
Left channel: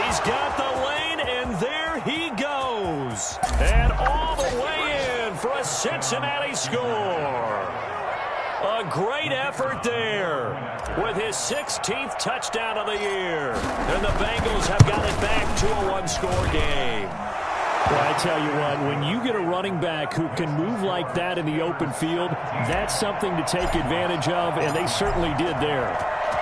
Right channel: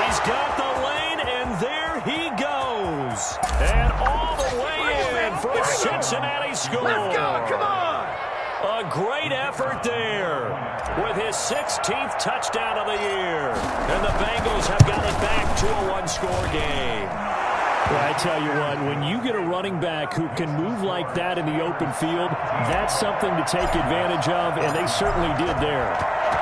He's got the lane, and there he goes. And all the way in for a Cincinnati score. A great effort there with his 16th touchdown of the year. And the Bengals have got it back to a 1-score game. Well, I tell you what, when you get a running back who can move like that in the open field, that's something to take advantage of, and they certainly did there.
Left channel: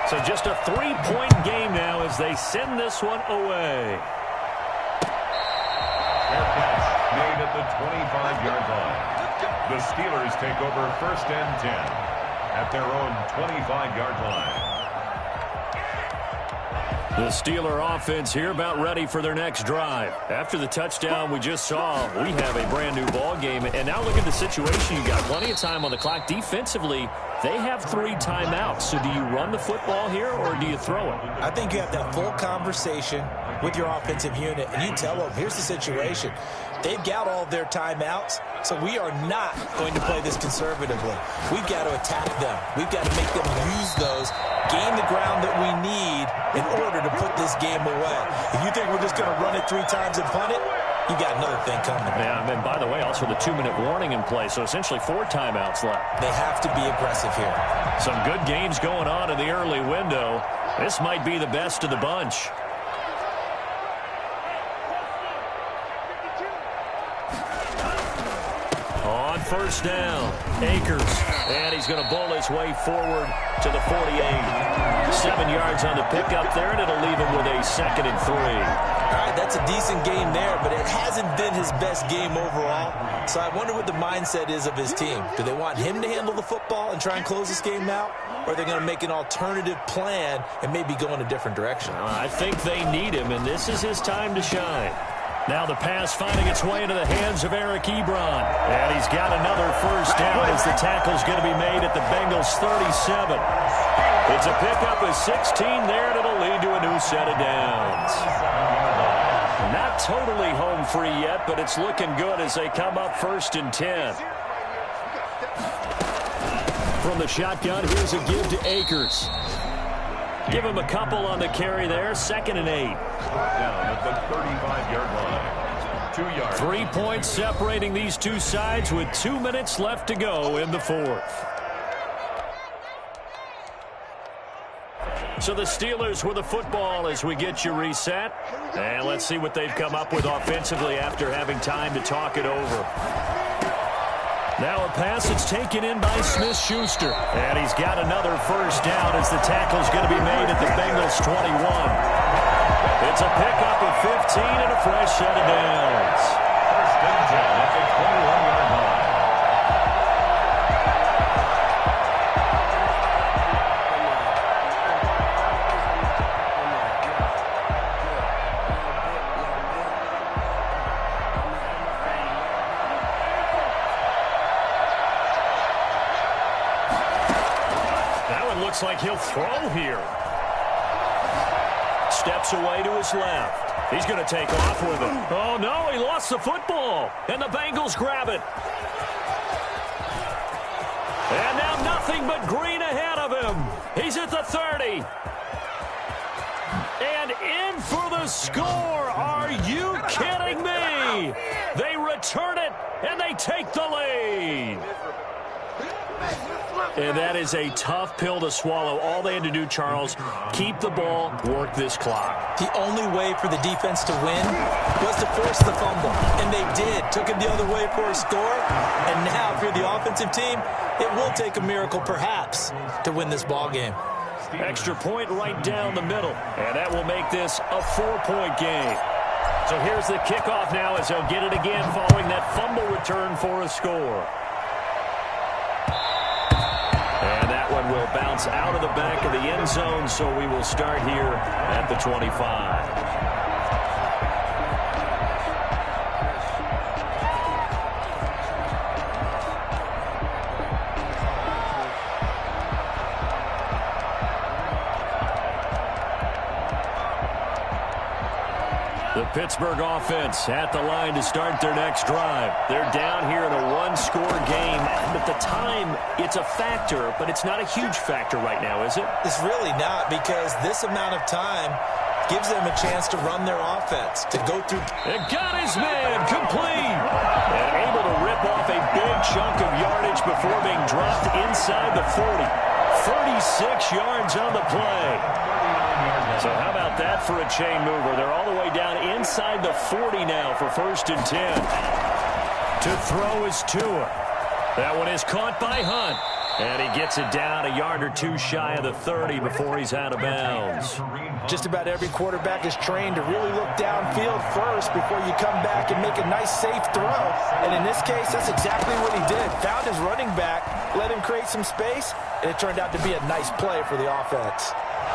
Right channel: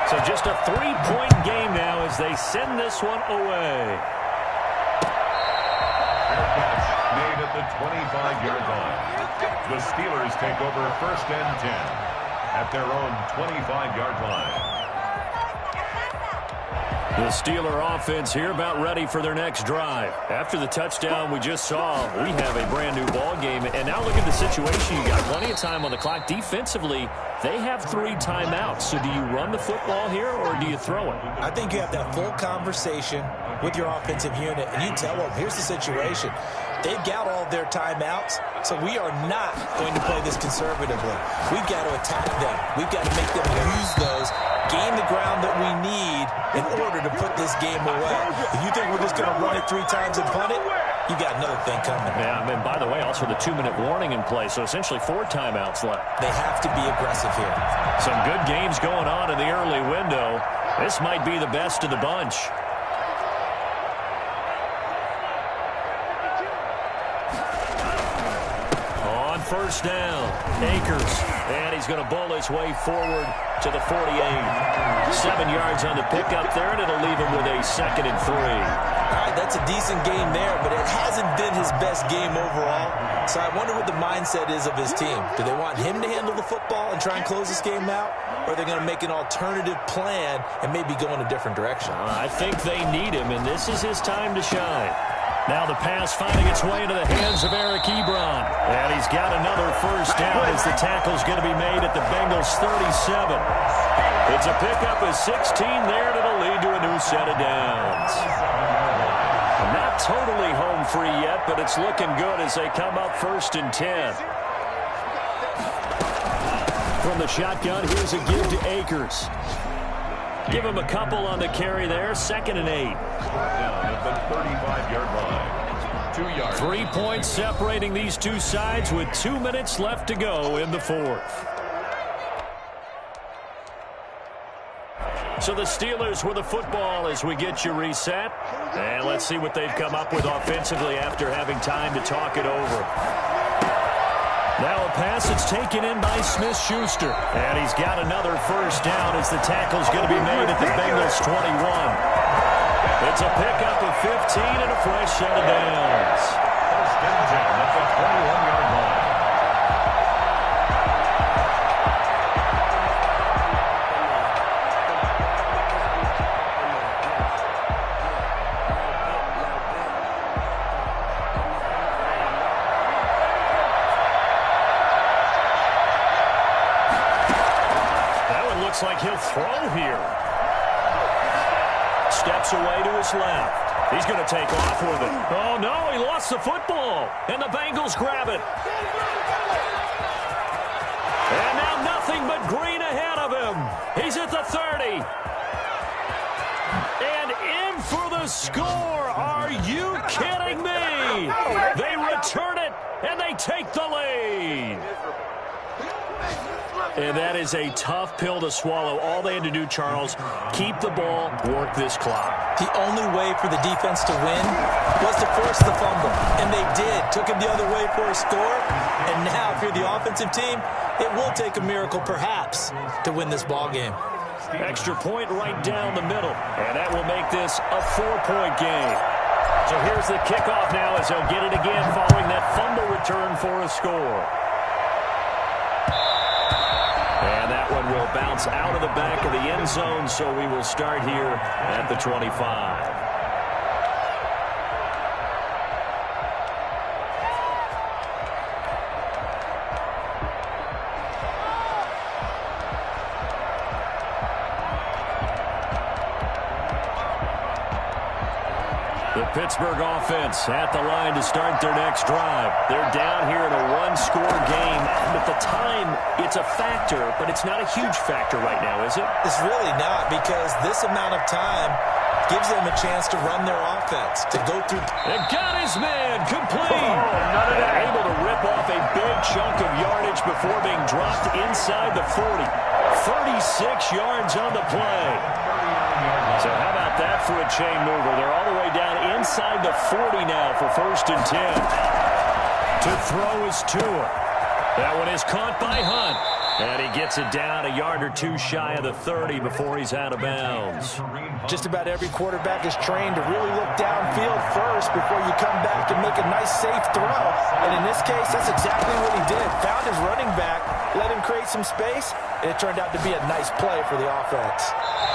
So just a 3-point game now as they send this one away. Fair catch made at the 25-yard line. The Steelers take over 1st and 10 at their own 25-yard line. The Steeler offense here about ready for their next drive. After the touchdown we just saw, we have a brand new ball game. And now look at the situation. You got plenty of time on the clock. Defensively, they have 3 timeouts. So do you run the football here or do you throw it? I think you have that full conversation with your offensive unit, and you tell them, here's the situation. They've got all their timeouts, so we are not going to play this conservatively. We've got to attack them. We've got to make them use those, gain the ground that we need in order to put this game away. If you think we're just going to run it 3 times and punt it, you got another thing coming. Yeah, and by the way, also the 2-minute warning in play, so essentially 4 timeouts left. They have to be aggressive here. Some good games going on in the early window. This might be the best of the bunch. On first down, Akers, and he's going to bowl his way forward to the 48. 7 yards on the pickup there, and it'll leave him with a 2nd and 3. All right, that's a decent game there, but it hasn't been his best game overall. So I wonder what the mindset is of his team. Do they want him to handle the football and try and close this game out? Or are they going to make an alternative plan and maybe go in a different direction? I think they need him, and this is his time to shine. Now the pass finding its way into the hands of Eric Ebron. And he's got another first down as the tackle's going to be made at the Bengals' 37. It's a pickup of 16 there, and it'll lead to a new set of downs. Not totally home free yet, but it's looking good as they come up 1st and 10. From the shotgun, here's a give to Akers. Give him a couple on the carry there. 2nd and 8. Down at the 35-yard line. 2 yards. 3 points separating these two sides with 2 minutes left to go in the 4th. So the Steelers with the football as we get you reset. And let's see what they've come up with offensively after having time to talk it over. Now a pass that's taken in by Smith-Schuster. And he's got another first down as the tackle's going to be made at the Bengals' 21. It's a pickup of 15 and a fresh set of downs. 1st and 10 at the 21-yard line. Looks like he'll throw here. Steps away to his left. He's going to take off with it. Oh, no, he lost the football. And the Bengals grab it. And now nothing but green ahead of him. He's at the 30. And in for the score. Are you kidding me? They return it, and they take the lead. And that is a tough pill to swallow. All they had to do, Charles, keep the ball, work this clock. The only way for the defense to win was to force the fumble. And they did. Took it the other way for a score. And now, if you're the offensive team, it will take a miracle, perhaps, to win this ball game. Extra point right down the middle. And that will make this a 4-point game. So here's the kickoff now as they'll get it again following that fumble return for a score. And that one will bounce out of the back of the end zone, so we will start here at the 25. The Pittsburgh offense at the line to start their next drive. They're down here in a 1-score game. And at the time, it's a factor, but it's not a huge factor right now, is it? It's really not, because this amount of time gives them a chance to run their offense, to go through. And got his man complete. And able to rip off a big chunk of yardage before being dropped inside the 40. 36 yards on the play. So how about that for a chain mover? They're all the way down inside the 40 now for 1st and 10. To throw is Tua. That one is caught by Hunt. And he gets it down a yard or two shy of the 30 before he's out of bounds. Just about every quarterback is trained to really look downfield first before you come back and make a nice, safe throw. And in this case, that's exactly what he did. Found his running back, let him create some space, and it turned out to be a nice play for the offense.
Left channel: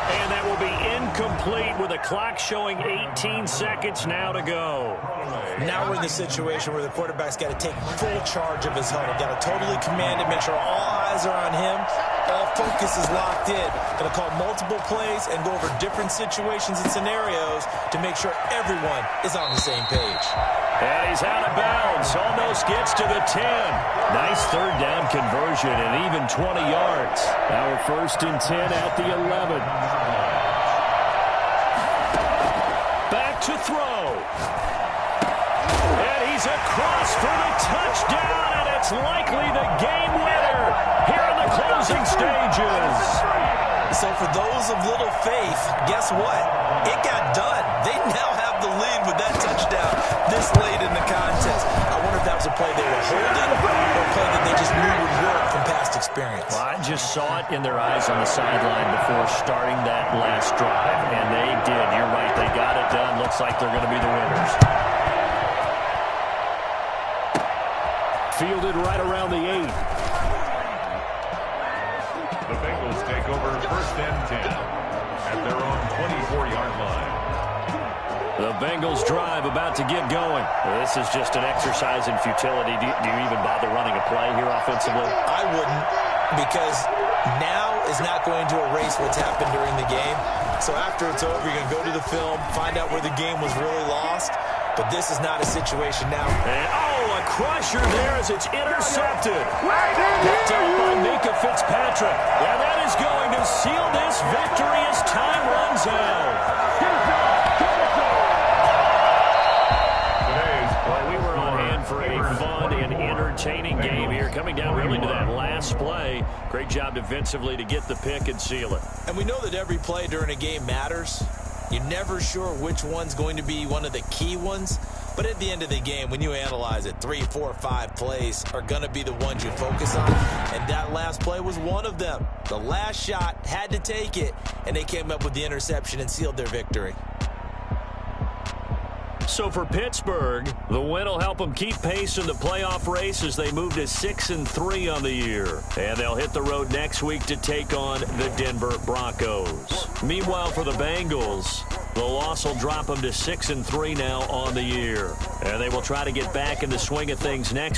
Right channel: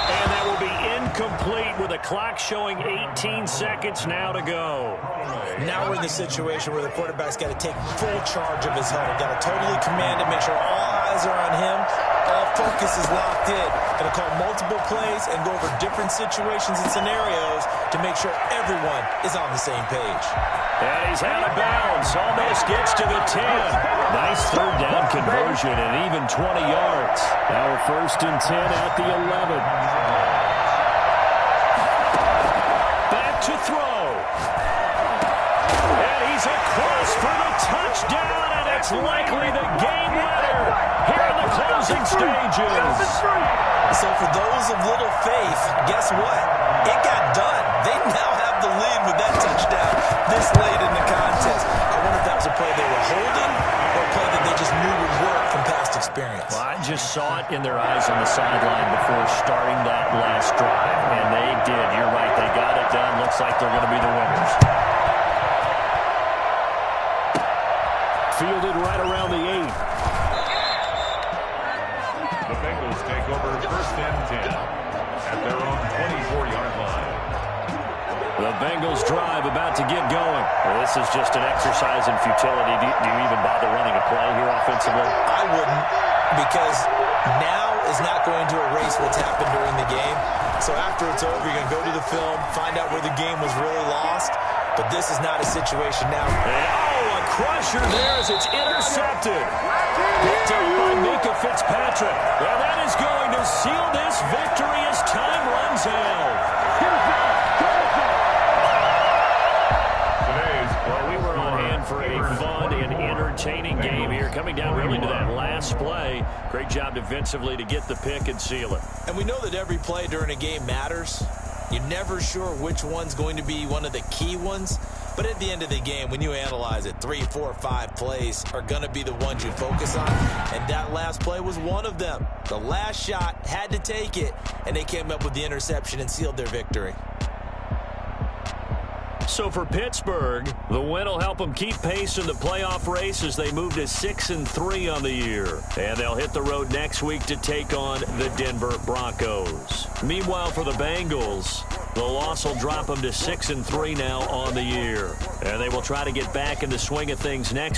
And that will be incomplete with the clock showing 18 seconds now to go. Now we're in the situation where the quarterback's got to take full charge of his huddle. Got to totally command it, make sure all eyes are on him. All focus is locked in. Going to call multiple plays and go over different situations and scenarios to make sure everyone is on the same page. And he's out of bounds. Almost gets to the 10. Nice third down conversion and even 20 yards. Now a 1st and 10 at the 11. Back to throw. And he's across for the touchdown, and it's likely the game winner here in the closing stages. So for those of little faith, guess what? It got done. They now have the lead with that touchdown this late in the contest. I wonder if that was a play they were holding or a play that they just knew would work from past experience. Well, I just saw it in their eyes on the sideline before starting that last drive, and they did. You're right. They got it done. Looks like they're going to be the winners. Fielded right around the 8. The Bengals take over 1st and 10 at their own 24-yard line. The Bengals drive about to get going. This is just an exercise in futility. Do you even bother running a play here offensively? I wouldn't, because now is not going to erase what's happened during the game. So after it's over, you're going to go to the film, find out where the game was really lost. But this is not a situation now. And, a crusher there as it's intercepted. Picked up by Minka Fitzpatrick. And that is going to seal this victory as time runs out. Well, we were on hand for a fun and entertaining game here. Coming down really to that last play. Great job defensively to get the pick and seal it. And we know that every play during a game matters. You're never sure which one's going to be one of the key ones. But at the end of the game, when you analyze it, 3, 4, 5 plays are going to be the ones you focus on. And that last play was one of them. The last shot had to take it, and they came up with the interception and sealed their victory. So for Pittsburgh, the win will help them keep pace in the playoff race as they move to 6-3 on the year. And they'll hit the road next week to take on the Denver Broncos. Meanwhile, for the Bengals, the loss will drop them to 6-3 now on the year. And they will try to get back in the swing of things next